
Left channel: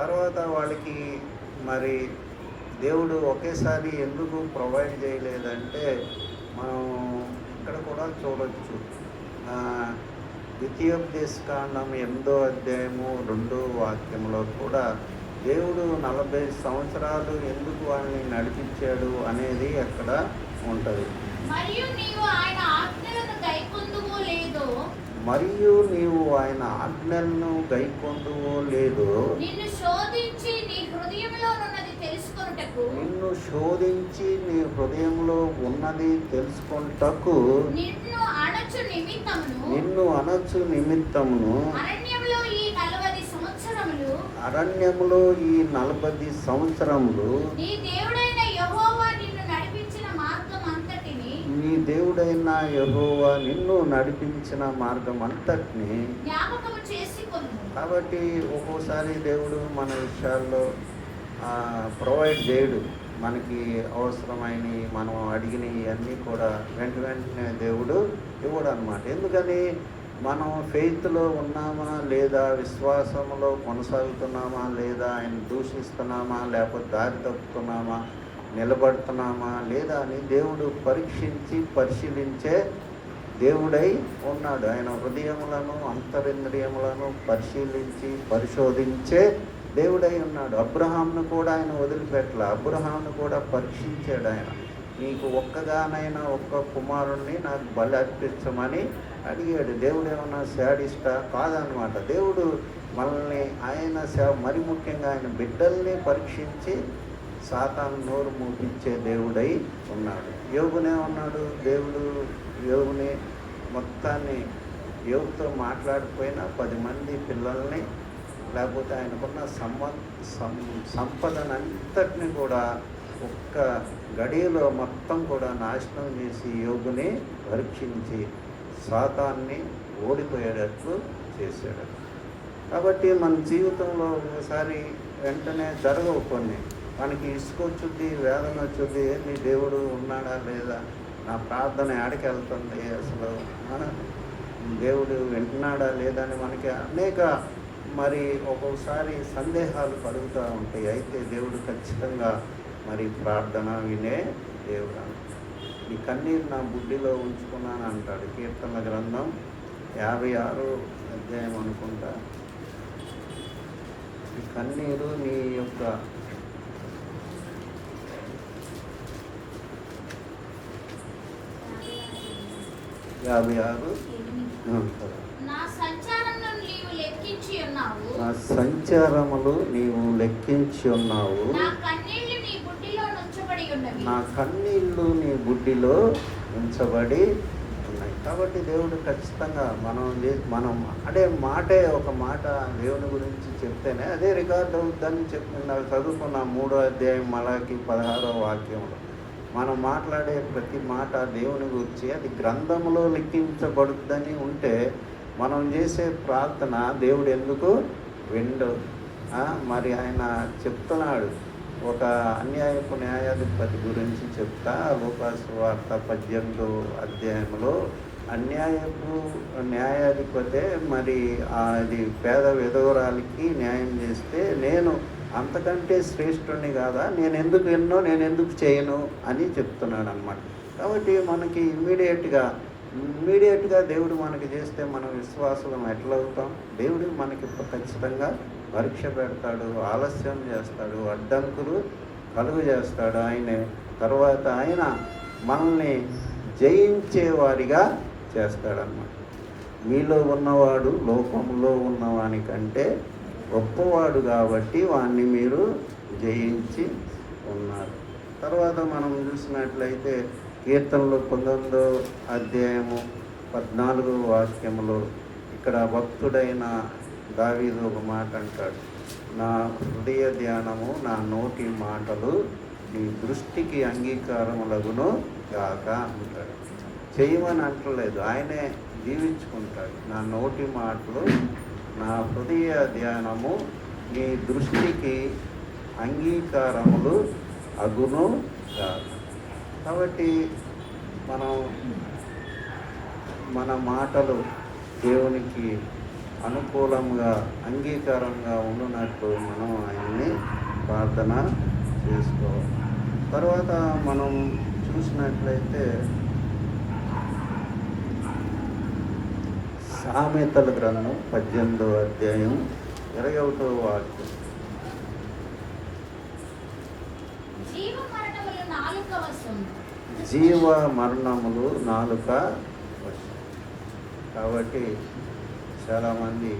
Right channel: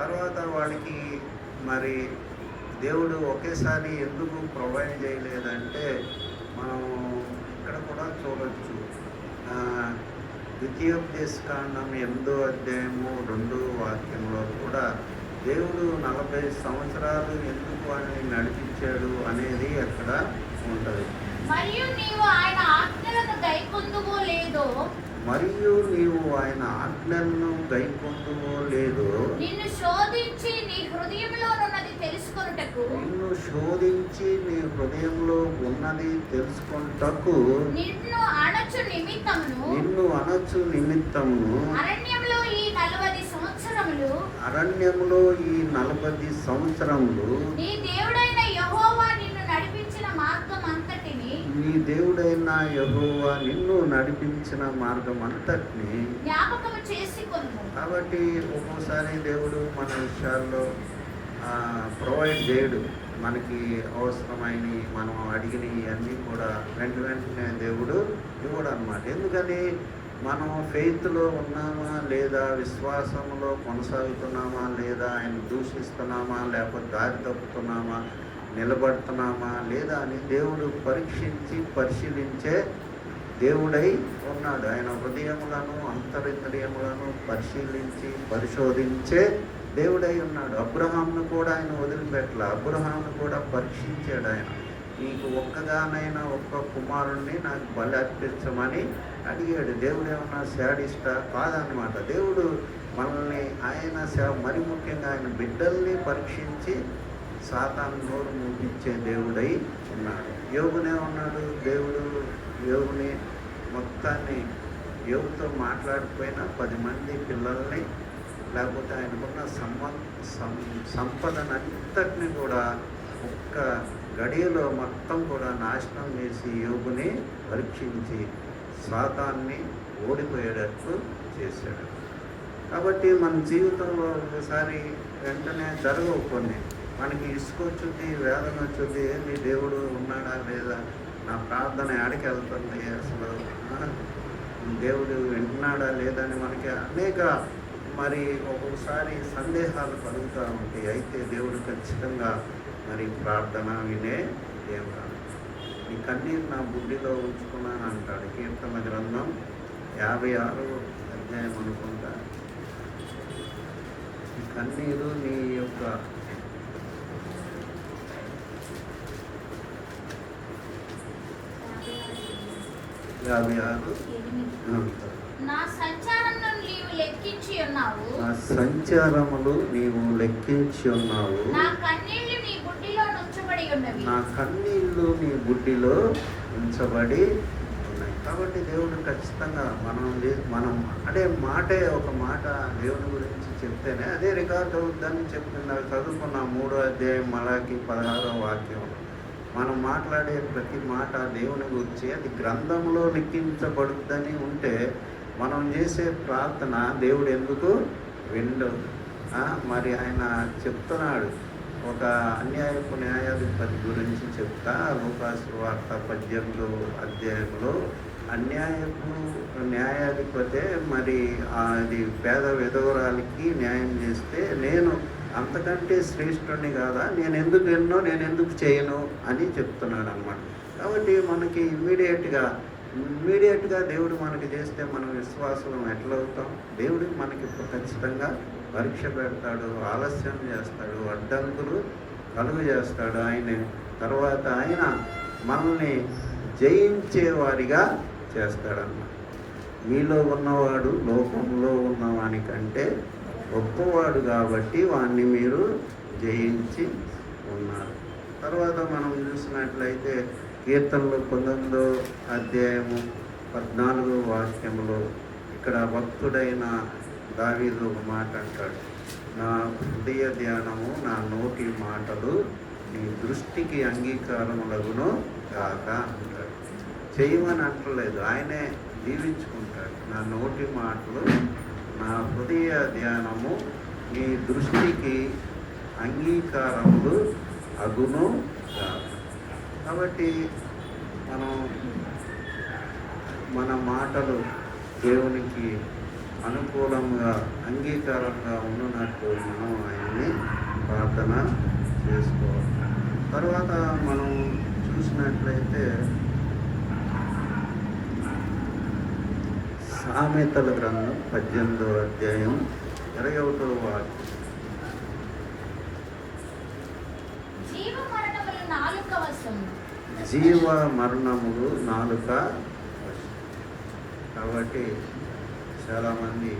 తర్వాత వాళ్ళకి మరి దేవుడు ఒకేసారి ఎందుకు ప్రొవైడ్ చేయలేదంటే మనం ఇక్కడ కూడా చూడవచ్చు. ద్వితీయోపదేశ కాండం 8వ అధ్యాయము 2వ వాక్యంలో కూడా దేవుడు 40 సంవత్సరాలు ఎందుకు వాళ్ళని నడిపించాడు అనేది అక్కడ ఉంటుంది. మరియు నీవు ఆయన ఆజ్ఞలను మరియు నీవు ఆయన ఆజ్ఞలను గైకొందువో లేదో నిన్ను శోధించి నీ హృదయంలోనున్నది తెలుసుకొనుటకు నిన్ను శోధించి నీ హృదయంలో ఉన్నది తెలుసుకొనుటకు నిన్ను అణచు నిమిత్తమును నిన్ను అనొచ్చు నిమిత్తమును అరణ్యంలో ఈ 40 సంవత్సరములు అరణ్యములో ఈ 40 సంవత్సరములు నీ దేవుడైన యెహోవా నిన్ను నడిపించిన మార్గం అంతటిని నీ దేవుడైన యెహోవా నిన్ను నడిపించిన మార్గం అంతటిని జ్ఞాపకము చేసుకొను. కాబట్టి ఒక్కోసారి దేవుడు మన విషయాల్లో ప్రొవైడ్ చేయడు. మనకి అవసరమైనవి మనం అడిగినవి అన్నీ కూడా వెంటనే దేవుడు ఇవ్వడు అన్నమాట. ఎందుకని మనం ఫెయిత్లో ఉన్నామా లేదా, విశ్వాసంలో కొనసాగుతున్నామా లేదా, ఆయన దూషిస్తున్నామా లేకపోతే దారి తప్పుతున్నామా, నిలబడుతున్నామా లేదా అని దేవుడు పరీక్షించి పరిశీలించే దేవుడై ఉన్నాడు. ఆయన హృదయములను అంతరింద్రియములను పరిశీలించి పరిశోధించే దేవుడై ఉన్నాడు. అబ్రహాంను కూడా ఆయన వదిలిపెట్టల. అబ్రహాంను కూడా పరీక్షించాడు. ఆయన నీకు ఒక్కగానైనా ఒక్క కుమారుణ్ణి నాకు బలి అర్పించమని అడిగాడు. దేవుడు ఏమన్నా శాడిస్టా? కాదనమాట. దేవుడు మనల్ని ఆయన మరి ముఖ్యంగా ఆయన బిడ్డల్ని పరీక్షించి సాతాను నోరు మూపించే దేవుడై ఉన్నాడు. యోగునే ఉన్నాడు. దేవుడు యోగుని మొత్తాన్ని యోగుతో మాట్లాడిపోయినా 10 మంది పిల్లల్ని లేకపోతే ఆయనకున్న సంపదనంతటిని కూడా ఒక్క గడియలో మొత్తం కూడా నాశనం చేసి యోగుని పరీక్షించి సాతాన్ని ఓడిపోయేటట్లు చేశాడు. కాబట్టి మన జీవితంలో ఒకసారి వెంటనే జరగవు కొన్ని. మనకి ఇసుకొచ్చుద్ది, వేదన వచ్చుద్ది, ఏంది దేవుడు ఉన్నాడా లేదా, నా ప్రార్థన ఆడికి వెళ్తుంది, అసలు దేవుడు వింటున్నాడా లేదని మనకి అనేక మరి ఒక్కొక్కసారి సందేహాలు కలుగుతూ ఉంటాయి. అయితే దేవుడు ఖచ్చితంగా మరి ప్రార్థన వినే దేవుడు. ఈ కన్నీరు నా బుద్ధిలో ఉంచుకున్నాను అంటాడు. కీర్తన గ్రంథం 56 అధ్యాయం అనుకుంటా. ఈ కన్నీరు నీ యొక్క నా సంచారములు నీవు లెక్కించి ఉన్నావు. నా సంచారములు నీవు లెక్కించి ఉన్నావు. నా కన్నీళ్లు నీ బుడ్డిలో ఉంచబడి ఉన్నవి. నా కన్నీళ్లు నీ బుడ్డిలో ఉంచబడి ఉన్నాయి. కాబట్టి దేవుడు ఖచ్చితంగా మనం అంటే మాటే ఒక మాట దేవుని గురించి చెప్తేనే అదే రికార్డ్ అవుతుందని చెప్తున్నారు. చదువుకున్న 3వ అధ్యాయం మలాకి 16వ వాక్యం. మనం మాట్లాడే ప్రతి మాట దేవుని గురించి అది గ్రంథంలో లిఖించబడుతుందని ఉంటే మనం చేసే ప్రార్థన దేవుడు ఎందుకు విండు? మరి ఆయన చెప్తున్నాడు. ఒక అన్యాయపు న్యాయాధిపతి గురించి చెప్తా లూకాసు వార్త 18వ అధ్యాయంలో అన్యాయపు న్యాయాధిపతే మరి అది పేద విధవరాలికి న్యాయం చేస్తే నేను అంతకంటే శ్రేష్ఠుని కాదా, నేను ఎందుకు చేయను అని చెప్తున్నాడు అన్నమాట. కాబట్టి మనకి ఇమ్మీడియట్గా దేవుడు మనకి చేస్తే మనం విశ్వాసం ఎట్లవుతాం? దేవుడు మనకి ఖచ్చితంగా పరీక్ష పెడతాడు, ఆలస్యం చేస్తాడు, అడ్డంకులు కలుగు చేస్తాడు. తర్వాత ఆయన మనల్ని జయించేవారిగా చేస్తాడన్నమాట. మీలో ఉన్నవాడు లోకంలో ఉన్నవానికంటే గొప్పవాడు కాబట్టి వాణ్ణి మీరు జయించి ఉన్నారు. తర్వాత మనం చూసినట్లయితే కీర్తనలో 19వ అధ్యాయము 14వ వాక్యములో ఇక్కడ భక్తుడైన దావీదు ఒక మాట అంటాడు. నా హృదయ ధ్యానము, నా నోటి మాటలు నీ దృష్టికి అంగీకారములగును కాక అంటాడు. చేయమని అంటలేదు, ఆయనే దీవించుకుంటాడు. నా నోటి మాటలు, నా హృదయ ధ్యానము నీ దృష్టికి అంగీకారములు అగును కాదు. కాబట్టి మన మాటలు దేవునికి అనుకూలంగా అంగీకారంగా ఉన్నట్లు మనం ఆయన్ని ప్రార్థన చేసుకోవాలి. తర్వాత మనం చూసినట్లయితే సామెతల గ్రంథం 18వ అధ్యాయం 21వ వాక్యం. జీవ మరణములు నాలుక. కాబట్టి చాలామంది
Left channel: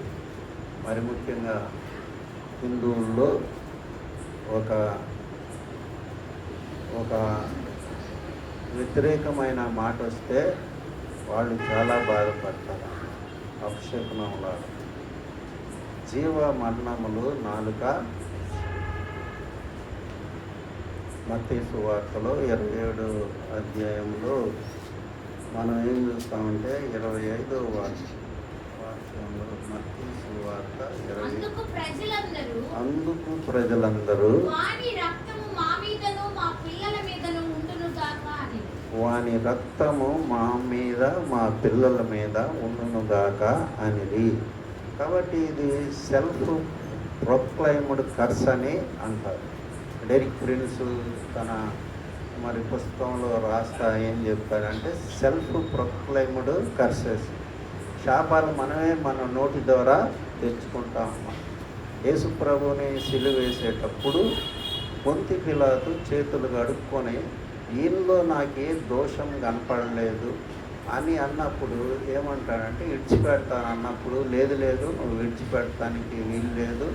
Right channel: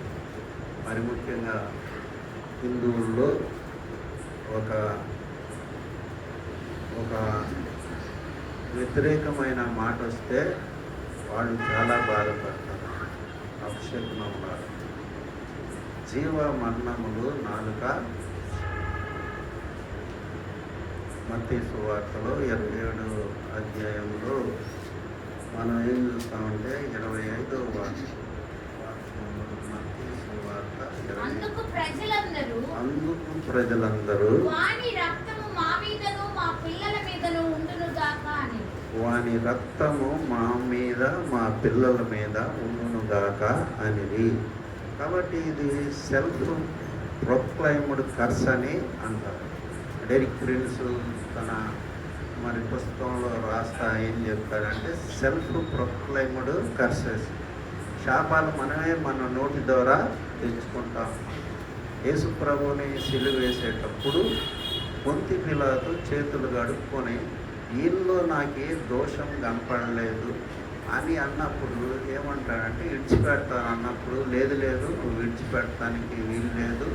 మరి ముఖ్యంగా హిందువుల్లో ఒక ఒక వ్యతిరేకమైన మాట వస్తే వాళ్ళు చాలా బాధపడతారు. అపశకునంలా జీవ మరణములు నాలుక. మత్తయి సువార్తలో 27వ అధ్యాయంలో మనం ఏం చూస్తామంటే 25వ వాక్యంలో మత్తయి సువార్త 20. అందుకు ప్రజలందరూ వాని రక్తము మా మీదను మా పిల్లల మీదను ఉండును గాక అని. వాని రక్తము మా మీద మా పిల్లల మీద ఉండునుగాక అనేది. కాబట్టి ఇది సెల్ఫ్ ప్రొక్లైమ్డ్ కర్స్ అని అంటారు. డెరిక్ ప్రిన్స్ తన మరి పుస్తకంలో రాస్తా ఏం చెప్తారంటే సెల్ఫ్ ప్రొక్లైమ్డ్ కర్సెస్, శాపాలు మనమే మన నోటి ద్వారా తెచ్చుకుంటాం. యేసు ప్రభువుని సిలువ వేసేటప్పుడు పొంతి పిలాతు చేతులు కడుక్కొని ఈయనలో నాకే దోషం కనపడలేదు అని అన్నప్పుడు ఏమంటాడంటే విడిచిపెడతాను అన్నప్పుడు, లేదు లేదు నువ్వు విడిచిపెడటానికి వీలు లేదు,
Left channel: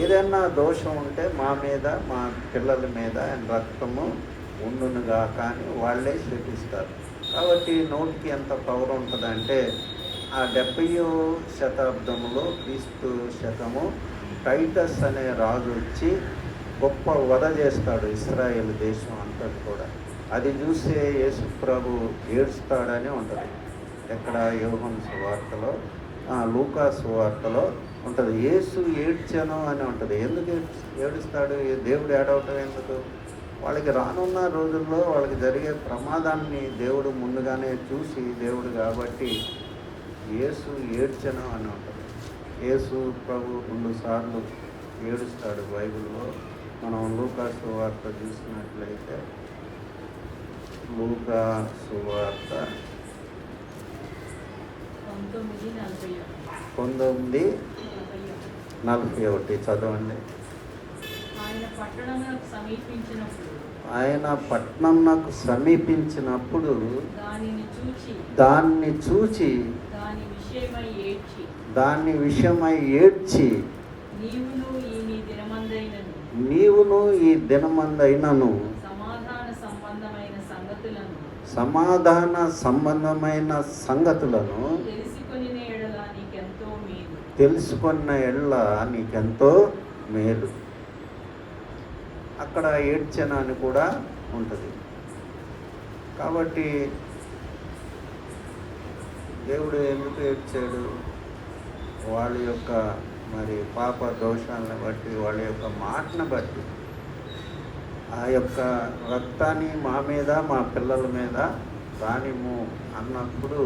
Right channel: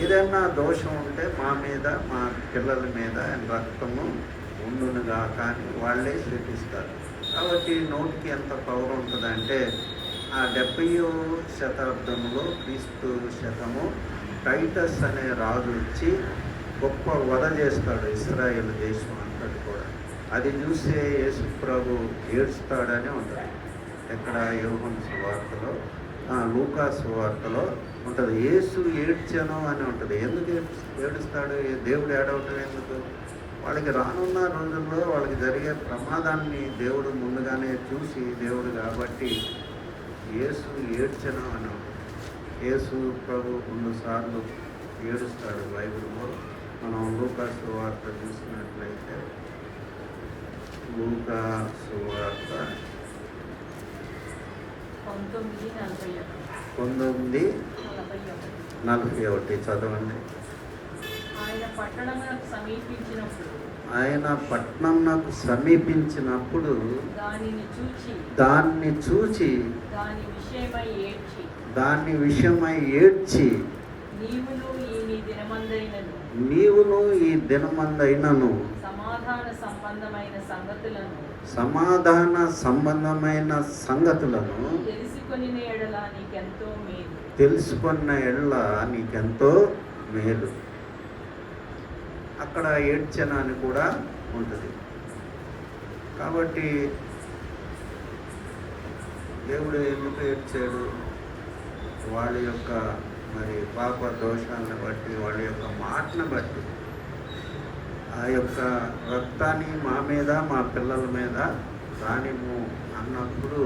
ఏదైనా దోషం ఉంటే మా మీద మా పిల్లల మీద ఆయన రక్తము ఉండునుగా కానీ వాళ్ళే శపిస్తారు. కాబట్టి నోటికి ఎంత పవర్ ఉంటుందంటే ఆ 70వ శతాబ్దంలో క్రీస్తు శకము టైటస్ అనే రాజు వచ్చి గొప్ప వధ చేస్తాడు ఇశ్రాయేల్ దేశం అంతటి కూడా. అది చూసే యేసు ప్రభు ఏడుస్తాడని ఉంటుంది. ఎక్కడ యోహాను సువార్తలో, లూకా సువార్తలో ఉంటుంది. యేసు ఏడ్చాను అని ఉంటుంది. ఎందుకు ఏడుస్తాడు? దేవుడు ఏడవటం ఎందుకు? వాళ్ళకి రానున్న రోజుల్లో వాళ్ళకి జరిగే ప్రమాదాన్ని దేవుడు ముందుగానే చూసి దేవుడు కాబట్టి యేసు ఏడ్చను అని ఉంటుంది. యేసు ప్రభు 2 సార్లు ఏడుస్తాడు బైబిల్లో. మనం లూకా సువార్త చూసినట్లయితే లూకా సువార్త 19:41 చదవండి. ఆయన పట్టణంనకు సమీపించినప్పుడు దాన్ని చూచి దాని విషయమై ఏడ్చి నీవును ఈ దినమందైనను సమాధాన సంబంధమైన సంగతులను తెలుసుకున్న ఎడల నీకెంతో మేలు. అక్కడ ఏడ్చన అని కూడా ఉంటుంది. కాబట్టి దేవుడు ఎందుకు ఏడ్చాడు? వాళ్ళ యొక్క మరి పాప దోషాలను బట్టి, వాళ్ళ యొక్క మాటను బట్టి. ఆ యొక్క రక్తాన్ని మా మీద మా పిల్లల మీద దానిము అన్నప్పుడు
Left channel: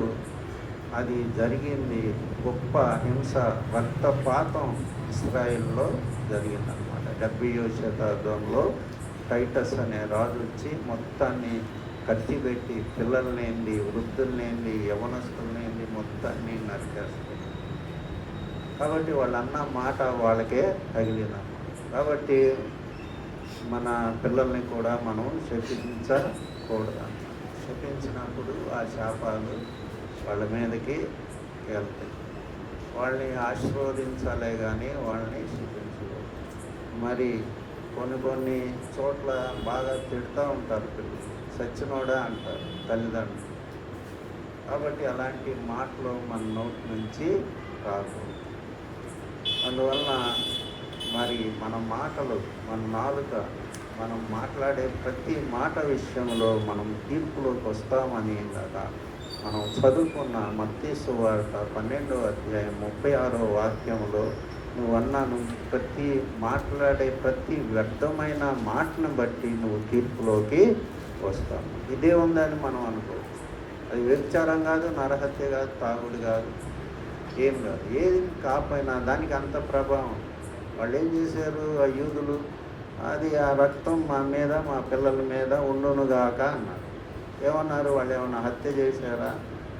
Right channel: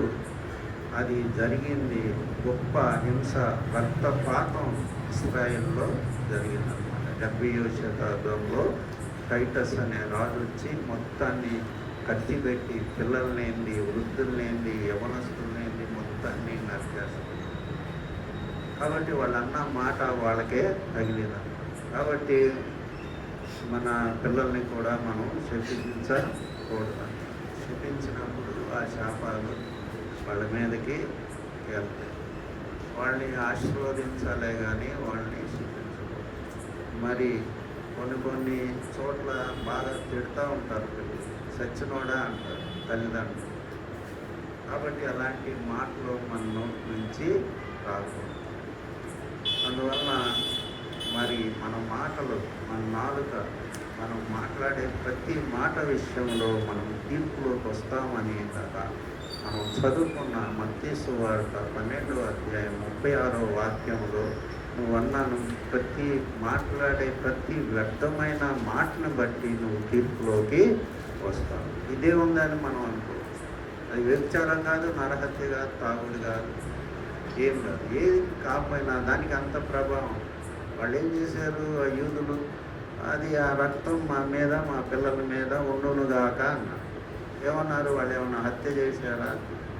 అది జరిగింది. గొప్ప హింస, రక్తపాతం ఇశ్రాయేల్లో జరిగిందన్నమాట. 70వ శతాబ్దంలో టైటస్ అనే రాజు వచ్చి మొత్తాన్ని కత్తిపెట్టి పిల్లలనేంది, వృద్ధులనేంది, యవనస్తులనేంది మొత్తాన్ని నరికేస్తారు. కాబట్టి వాళ్ళన్న మాట వాళ్ళకే తగిలిందన్నమాట. కాబట్టి మన పిల్లల్ని కూడా మనం శపించకూడదు. శపించినప్పుడు ఆ శాపాలు వాళ్ళ మీదకి వెళ్తాయి. వాళ్ళని ఆశీర్వదించాలే కానీ వాళ్ళని శపించకూడదు. మరి కొన్ని చోట్ల బాగా తిడుతూ ఉంటారు పిల్లలు, సచ్చినోడా అంటారు తల్లిదండ్రులు. కాబట్టి అలాంటి మాటలు మన నోటి నుంచి రాకూడదు. అందువలన మరి మన మాటలు, మన నాలుక, మనం మాట్లాడే ప్రతి మాట విషయంలో మనం తీర్పులోకి వస్తామని కదా మనం చదువుకున్న మత్తయి సువార్త 12వ అధ్యాయం 36వ వాక్యంలో నువ్వు మాట్లాడే ప్రతి వ్యర్థమైన మాటను బట్టి నువ్వు తీర్పులోకి వస్తావు. ఇదే ఉందని మనం అనుకోవచ్చు. అది వ్యభిచారం కాదు, నరహత్య కాదు, తాగుడు కాదు, ఏం కాదు. ఏది కాకపోయినా దానికి అంత ప్రభావం. వాళ్ళు ఏం చేశారు ఆ యూదులు? అది ఆ రక్తం మా మీద మా పిల్లల మీద ఉండునుగాక అన్నారు. ఏమన్నారు? వాళ్ళు ఏమన్నా హత్య చేశారా,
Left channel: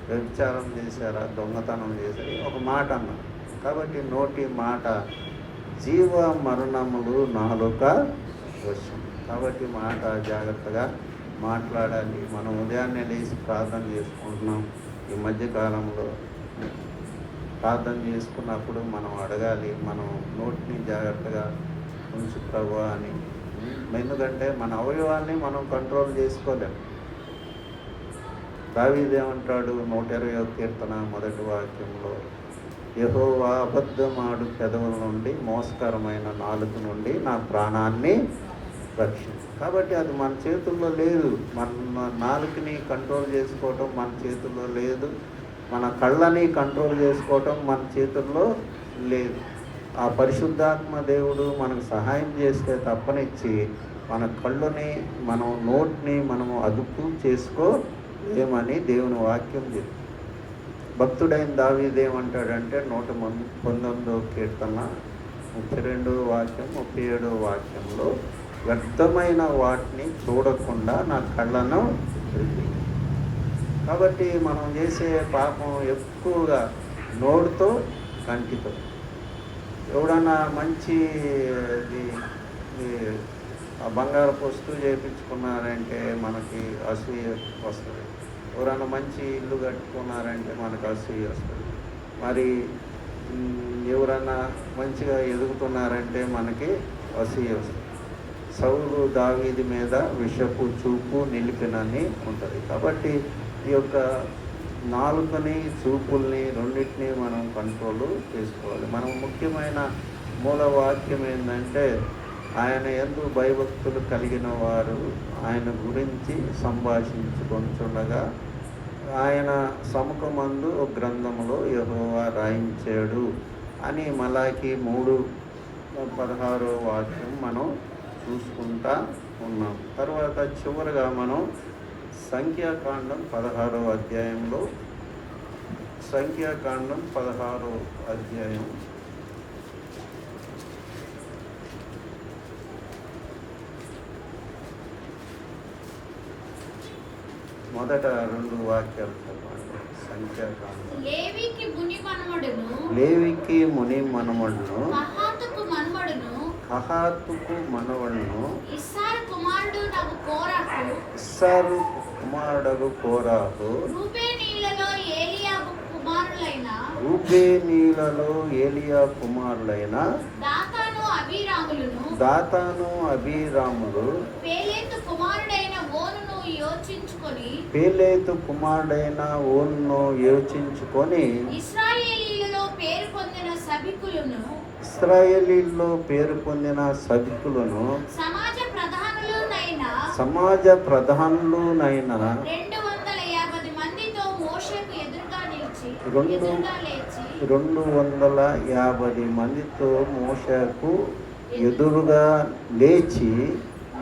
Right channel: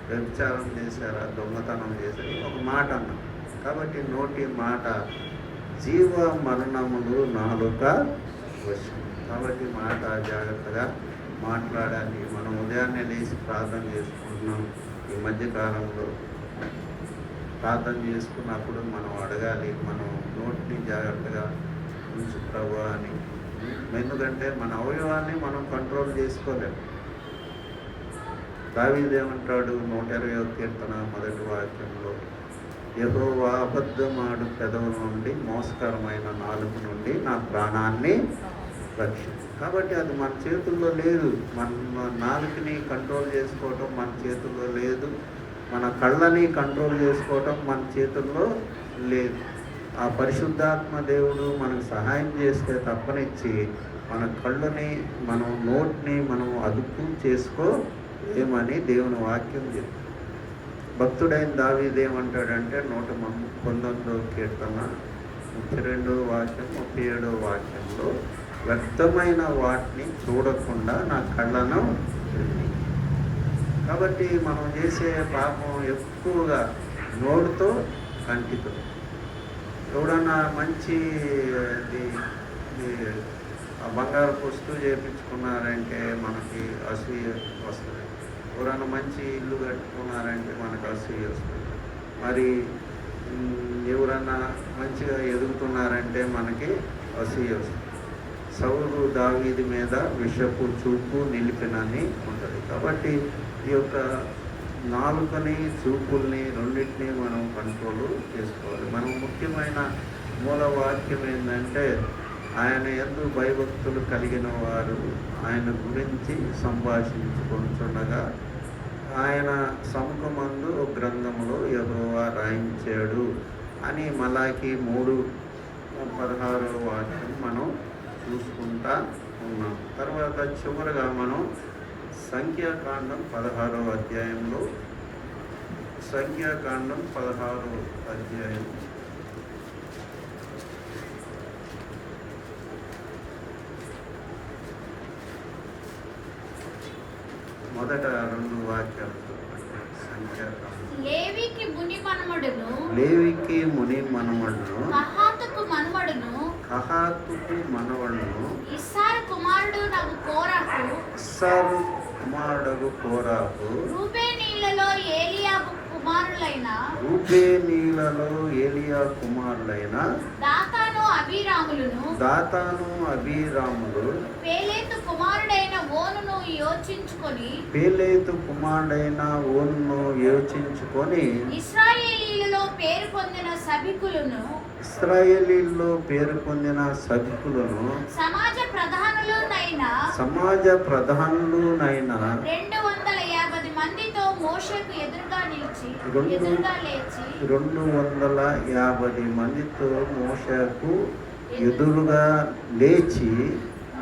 వ్యభిచారం చేశారా, దొంగతనం చేశారా? ఒక మాట అన్నారు. కాబట్టి నోటి మాట జీవ మరణములు నాలుక వశం. కాబట్టి మాట జాగ్రత్తగా మాట్లాడాలి. మనం ఉదయాన్నే లేచి ప్రార్థన చేసుకుంటున్నాం. ఈ మధ్యకాలంలో ప్రార్థన చేసుకున్నప్పుడు మనం అడగాలి, మనం నోటిని జాగ్రత్తగా ఉంచు ప్రభువా అని. ఎందుకంటే మన అవయవాన్ని మనం కంట్రోల్ చేసుకోలేం. దావీదేమంటాడు 120వ కీర్తన మొదటి వాక్యంలో, యెహోవా అబద్ధమాడు పెదవుల నుండి, మోసకరమైన నాలుక నుండి నా ప్రాణాన్ని రక్షించు. కాబట్టి అది మన చేతుల్లో లేదు. మన నాలుకని కంట్రోల్ చేసుకోవటం మన చేతుల్లో లేదు. మన కళ్ళని కంట్రోల్ చేసుకోవటం మన చేతుల్లో లేదు. ఆ పరిశుద్ధాత్మ దేవుడు మనకు సహాయం చేస్తే తప్పనిచ్చి మన కళ్ళని, మనం నోటిని మనం అదుపు చేసుకోలేమని దేవుని వాక్యం చెప్తుంది. భక్తుడైన దావీదు ఏమంటాడంటే 119వ కీర్తన 32వ వాక్యం 37వ వాక్యంలో, వ్యర్థమైన వాటిని చూడకుండా నా కళ్ళను తెరిచి. కాబట్టి మనం చేసే పాపం ఎక్కువగా నోటితో, కంటితో. ఎవడన్నా మంచి ఆ బంగారపు వస్తువు చేయించుకున్నారంటే మనకి అసూయ వస్తుంది. ఎవరైనా మంచి ఇల్లు కట్టుకున్నారంటే మనకు అసూయ వస్తుంది. మరి ఎవరన్నా మంచిగా ఎదుగుతున్నారంటే మనకి అసూయ వస్తుంది. సౌలు దావీదు మీద విషపు చూపు నిలిపినని ఉంటుంది. కాబట్టి ఈ యొక్క నాలుకని, చూపుల్ని రెండింటినీ మనం కంట్రోల్ చేసుకోవాలి. మనం ముఖ్యమైన మూల వాక్యం ఏంటంటే, ఆయన యందు భయభక్తులు కలిగిన వారు ఆయన గురించి సంభాషించుకొనుచుండగా ఆయన సముఖమందు ఒక గ్రంథములో యెహోవా రాయించాడు అని మలాకి 3:16 వాక్యం మనం చూసుకుంటా ఉన్నాం. తర్వాత చివరగా మనం సంఖ్యాకాండం 16వ అధ్యాయంలో, సంఖ్యాకాండం 16వ అధ్యాయం మొదట 2 వాక్యాలు చదవండి. సంఖ్యాకాండం. లేవికి ముని మనమడును, లేవికి ముని మనవడును, కహాతుకు మనమడును, కహాతుకు మనవడును, ఇస్సారు కుమారుడు నగు కోరహు, ఇస్సారు కుమారుడు కోరాహు, రూబేనీయులలో ఏలియాబు కుమారులైన రూబేనీయులలో ఏలియా కుమారులైన దాతాను అబీరాములను, దాతాను అబీరాములు, పేలేతు కుమారుడైన ఓనును యోచించుకొని, పేలేతు కుమారుడైన ఓనును యోచించుకొని, ఇశ్రాయేలీయులలో పేరు పొందిన సభికులను, ఇశ్రాయేలీల్లో పేరు పొందిన సభికులను, సమాజ ప్రధానులునైన సమాజ ప్రధానులునైన 250 మందితో మోషేకు ఎదురుగా లేచి 250 మందితో మోషేకు ఎదురుగా లేచి,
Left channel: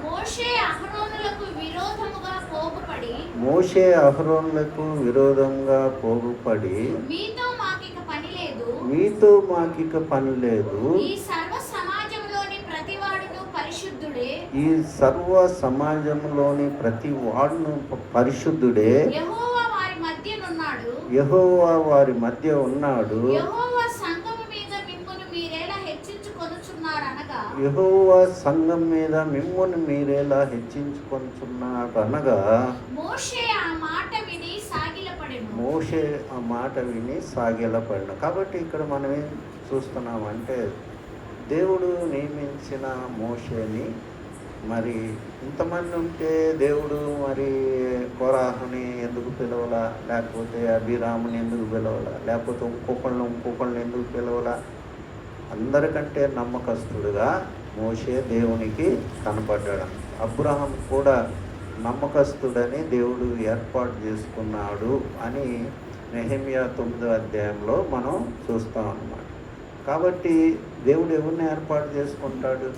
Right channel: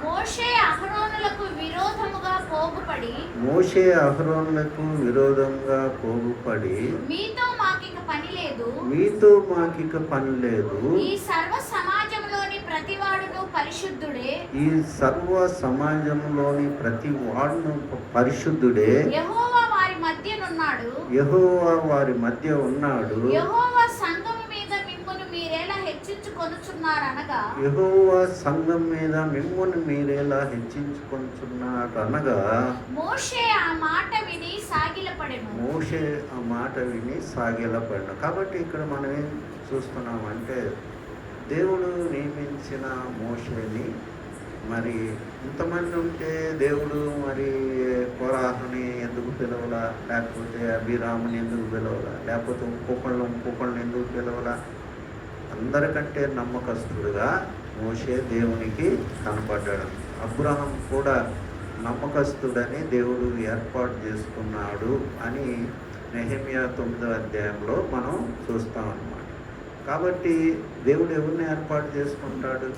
మోషే అహరోనులకు విరోధముగా పోగుపడి, మోషే అహరోనులకు విరోధంగా పోగుపడి, మీతో మాకిక పని లేదు, మీతో మాకిక పని లేదు, ఈ సర్వ సమాజంలోని ప్రతివాడును పరిశుద్ధుడే, ఈ సర్వ సమాజంలోని ప్రతి వాడును పరిశుద్ధుడే, యెహోవా వారి మధ్యనున్నాడు, యెహోవా వారి మధ్య ఉన్నాడు, యెహోవా సంఘము మీద మిమ్మును మీరేలా హెచ్చించుకొనుచున్నారనగా, యెహోవా సంఘం మీద మిమ్మును మీరేలా హెచ్చించుకొనుచున్నాడు అనగా, మోషే ఆ మాట విని సాగిలపడెను. మోషే ఆ మాట విని సాగిలపడిన. కాబట్టి ఇక్కడ మనం ఏం చూస్తున్నామంటే, దేవుడు నియమించిన మోషేని, మరి ఇంతమంది ఉంటే దేవుడు మరి కోరాహుని ఎందుకు పిలవలా, లేకపోతే అభిరాముని ఎందుకు పిలవలా, లేకపోతే ఇంకొకళ్ళని ఎందుకు పిలవలా? అందరికంటే నమ్మకస్తుడుగా మోషే దేవునికి కనపడ్డాడు. అబ్రహాం కూడా నమ్మకస్తుడని దేవుడు ఏర్పాటు చేసుకున్నాడు అని నెహెమ్యా 9వ అధ్యాయంలో మనం చూస్తాం అన్నమాట. కాబట్టి దేవుడు ఎవరిని ఏర్పాటు చేసుకుంటాడు?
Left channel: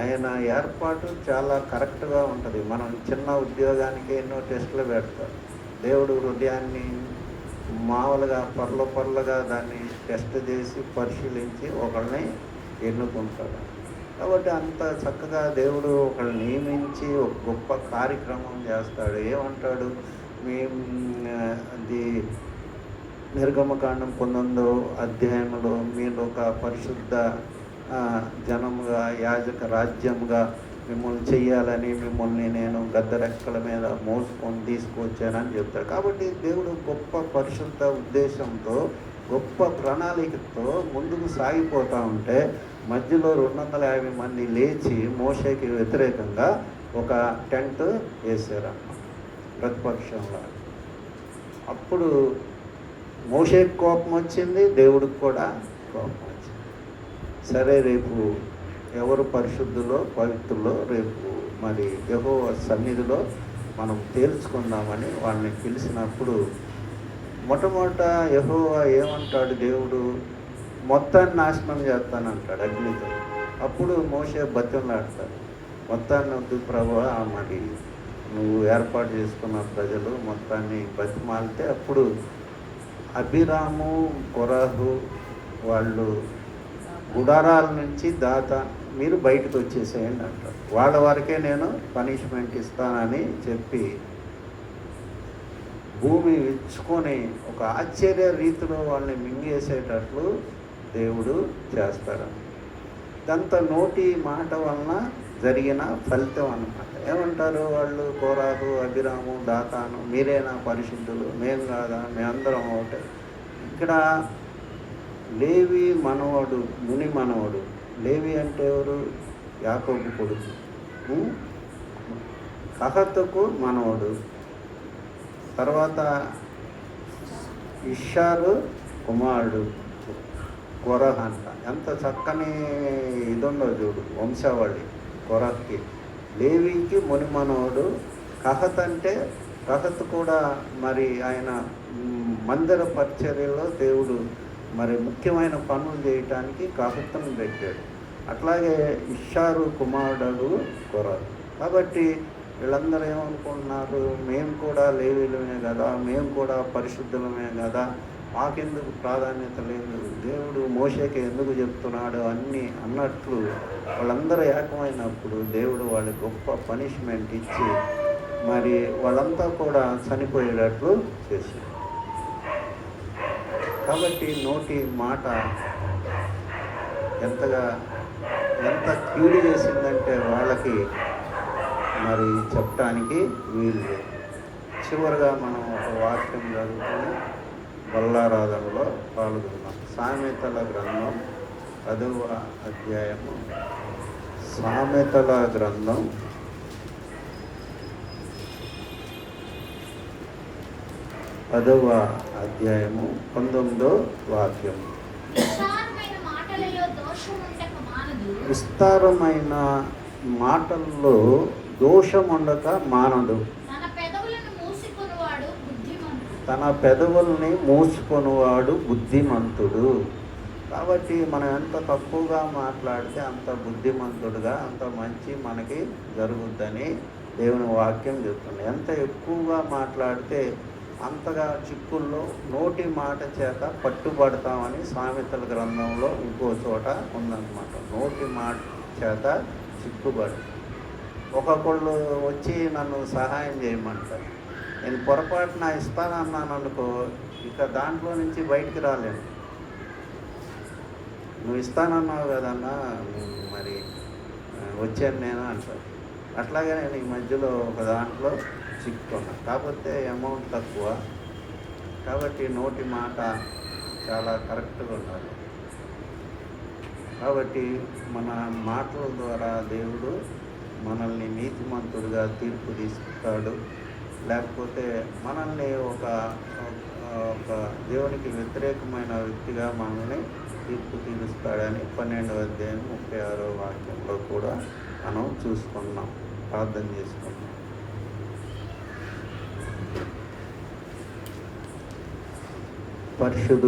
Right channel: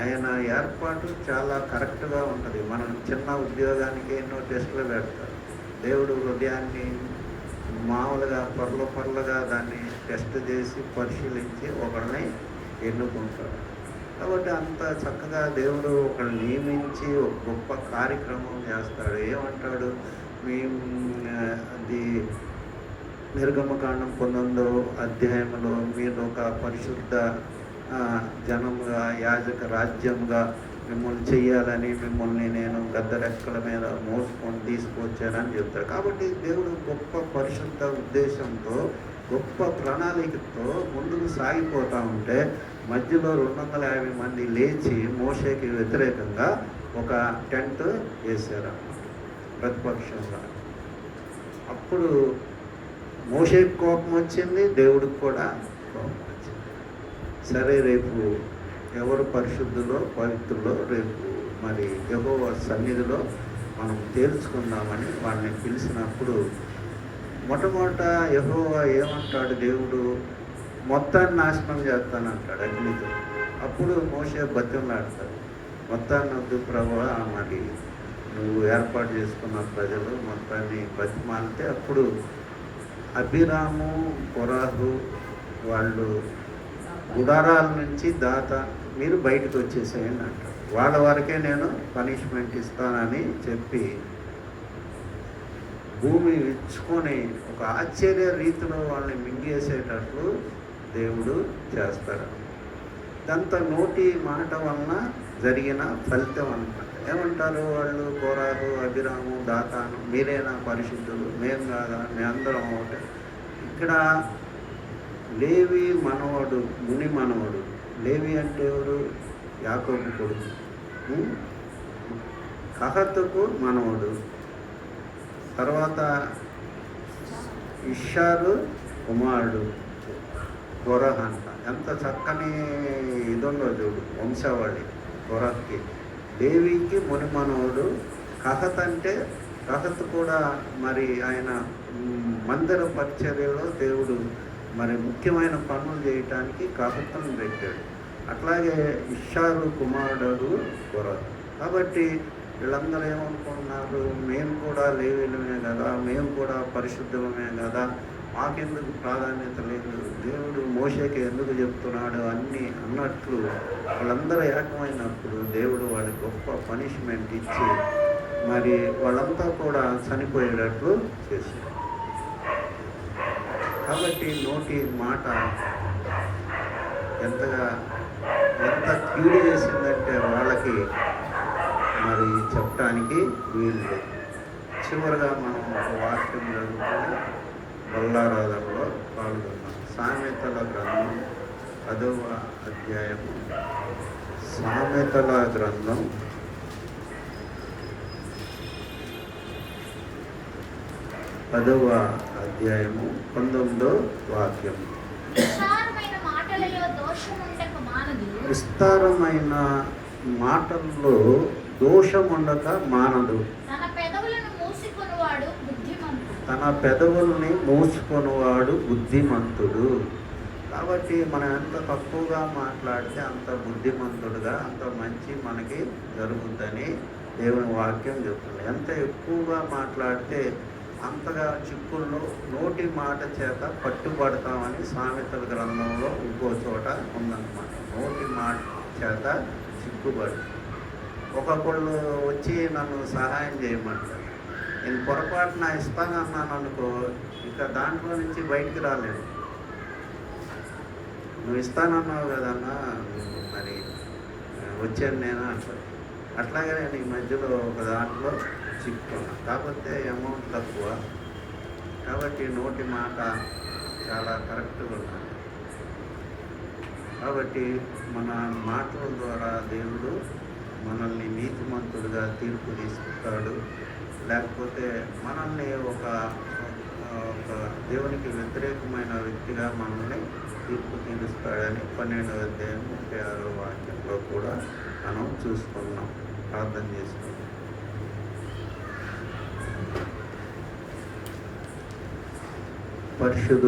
ఆయన ఏర్పాటు చాలా కరెక్ట్గా ఉంటుంది. మనం చిన్న ఉద్యోగానికి ఎన్నో టెస్టులు పెడతారు. దేవుడు హృదయాన్ని మామూలుగా పొరలుగా దాన్ని టెస్ట్ చేసి పరిశీలించి ఒకళ్ళని ఎన్నుకుంటాడు. కాబట్టి అంత చక్కగా దేవుడు ఒకళ్ళని నియమించి ఒక గొప్ప కార్యక్రమం చేస్తాడు. ఏమంటాడు? అది నిర్గమకాండం 19వ అధ్యాయంలో మీరు ఒక పరిశుద్ధ జనముగా, యాజక రాజ్యముగా మిమ్మల్ని చెయ్యాలని, మిమ్మల్ని నేను గద్ద రెక్కల మీద మోసుకొని తీసుకొచ్చానని చెప్తాడు. కాబట్టి దేవుడు గొప్ప పరిశుద్ధ ఉద్దేశంతో, గొప్ప ప్రణాళికతో ముందుకు సాగిపోతూ ఉంటే మధ్యలో 250 మంది లేచి మోషేకి వ్యతిరేకంగా ఒక టెంట్ వేశారు ప్రతిపక్షంలో. అప్పుడు మోషేకి కోపం వచ్చింది, దేవుడికి కూడా కోపం వచ్చింది. సరే, రేపు ఎవరు పరిశుద్ధులో పవిత్రులో రేపు మరి యెహోవా సన్నిధిలో మనం తేల్చుకుందామని వాళ్ళని పిలిచినప్పుడు మొట్టమొదట యెహోవా ఏమంటాడు, దేవుడు మొత్తాన్ని నాశనం చేస్తానంటాడు అగ్నితో. అప్పుడు మోషే బతిమలాడతాడు, మొత్తాన్ని వద్దు ప్రభువా, మరి నువ్వు ఏర్పాటు చేసుకున్న ప్రజలు మొత్తాన్ని బతిమాలితే అప్పుడు అబీరాము కొరాహు వాళ్ళు గుడారాల నుంచి మీరు బయటకు వచ్చేసేయండి అంటారు. వాళ్ళ వరకే నేను పనిష్మెంట్ ఇస్తానని చెప్పి భూమి విచ్చుకొని ఒక ఆశ్చర్య రీతిలో వాళ్ళని మింగేసేటట్లు దేవుడు చేస్తారు. ఇదంతా నోటి మాట వలన జరిగిన ఫలితం అన్నమాట. ఏమంటారు వాళ్ళు, కోరాహు, అభిరాము, దాతాను, మీరేనా పరిశుద్ధులు, మేము కాదా, మేమందరం ఒకటే. ఇక్కడ లేవి మనవడు, ముని మనవడు. లేవి అంటే ఎవరు? యాకోబు కొడుకు. కహతుకు మనవడు. తర్వాత ఇషారు కుమారుడు కొరహ అంట. ఎంత చక్కని ఇదుండో చూడు వంశావళి కొరహకి. లేవికి ముని మనవడు. కహత్ అంటే కహత్ కూడా మరి ఆయన మందిర పరిచర్యలో దేవుడు మరి ముఖ్యమైన పనులు చేయటానికి కహతును పెట్టాడు. అట్లాగే ఇషారు కుమారుడు కొరహ. కాబట్టి వీళ్ళందరూ ఏమనుకుంటున్నారు, మేము కూడా లేవీలమే కదా, మేము కూడా పరిశుద్ధులమే కదా, మాకెందుకు ప్రాధాన్యత లేదు, దేవుడు మోషేకి ఎందుకు చెప్తున్నాడు అన్నీ అన్నట్లు వాళ్ళందరూ ఏకమైనప్పుడు దేవుడు వాళ్ళకి గొప్ప పనిష్మెంట్ ఇచ్చి మరి వాళ్ళంతా కూడా చనిపోయేటట్లు చేశారు. కాబట్టి నోటి మాట ఎంత కీడు చేసిందంటే వాళ్ళకి మరి చెప్పడానికి వీలు లేదు. చివరిగా మనం ఒక వాక్యం చదువుకొని బల్లారాధనలో పాల్గొన్నాం. సామెతల గ్రంథం 10వ అధ్యాయము. సామెతల గ్రంథం 10వ అధ్యాయము 19వ వాక్యం. విస్తారమైన మాటలలో దోషం ఉండక మానదు. విస్తారమైన మాటల్లో దోషం ఉండక మానదు. తన పెదవులను మూసుకొనువాడు బుద్ధిమంతుడు. తన పెదవుల్ని మూసుకొనువాడు బుద్ధిమంతుడు. కాబట్టి మనం ఎంత తక్కువగా మాట్లాడితే అంత బుద్ధిమంతుడుగా, అంత మంచి మనకి జరుగుద్దని దేవుని వాక్యం చెప్తుంది. ఎంత ఎక్కువగా మాట్లాడితే అంతగా చిక్కుల్లో నోటి మాట చేత పట్టుబడతామని సామెతల గ్రంథంలో ఇంకో చోట ఉందన్నమాట. నోటి మాట చేత చిక్కుబడి ఒక్కొక్కళ్ళు వచ్చి నన్ను సహాయం చేయమంటారు. నేను పొరపాటున ఇస్తానన్నాను అనుకో, ఇక దాంట్లో నుంచి బయటికి రాలేను. నువ్వు ఇస్తానన్నావు కదన్నా, మరి వచ్చాను నేను అంటారు. అట్లాగే నేను ఈ మధ్యలో ఒక దాంట్లో చిక్కుకున్నా. కాకపోతే అమౌంట్ తక్కువ, కాబట్టి నోటి మాట చాలా కరెక్ట్గా ఉండాలి. కాబట్టి మన మాటల ద్వారా దేవుడు మనల్ని నీతిమంతుడిగా తీర్పు తీసుకుంటాడు. లేకపోతే మనల్ని ఒక దేవునికి వ్యతిరేకమైన వ్యక్తిగా మనల్ని తీర్పు తీరుస్తాడని 12వ అధ్యాయం 36వ వాక్యంలో కూడా మనం చూసుకున్నాం. ప్రార్థన చేసుకున్నాం. పరిశుద్ధ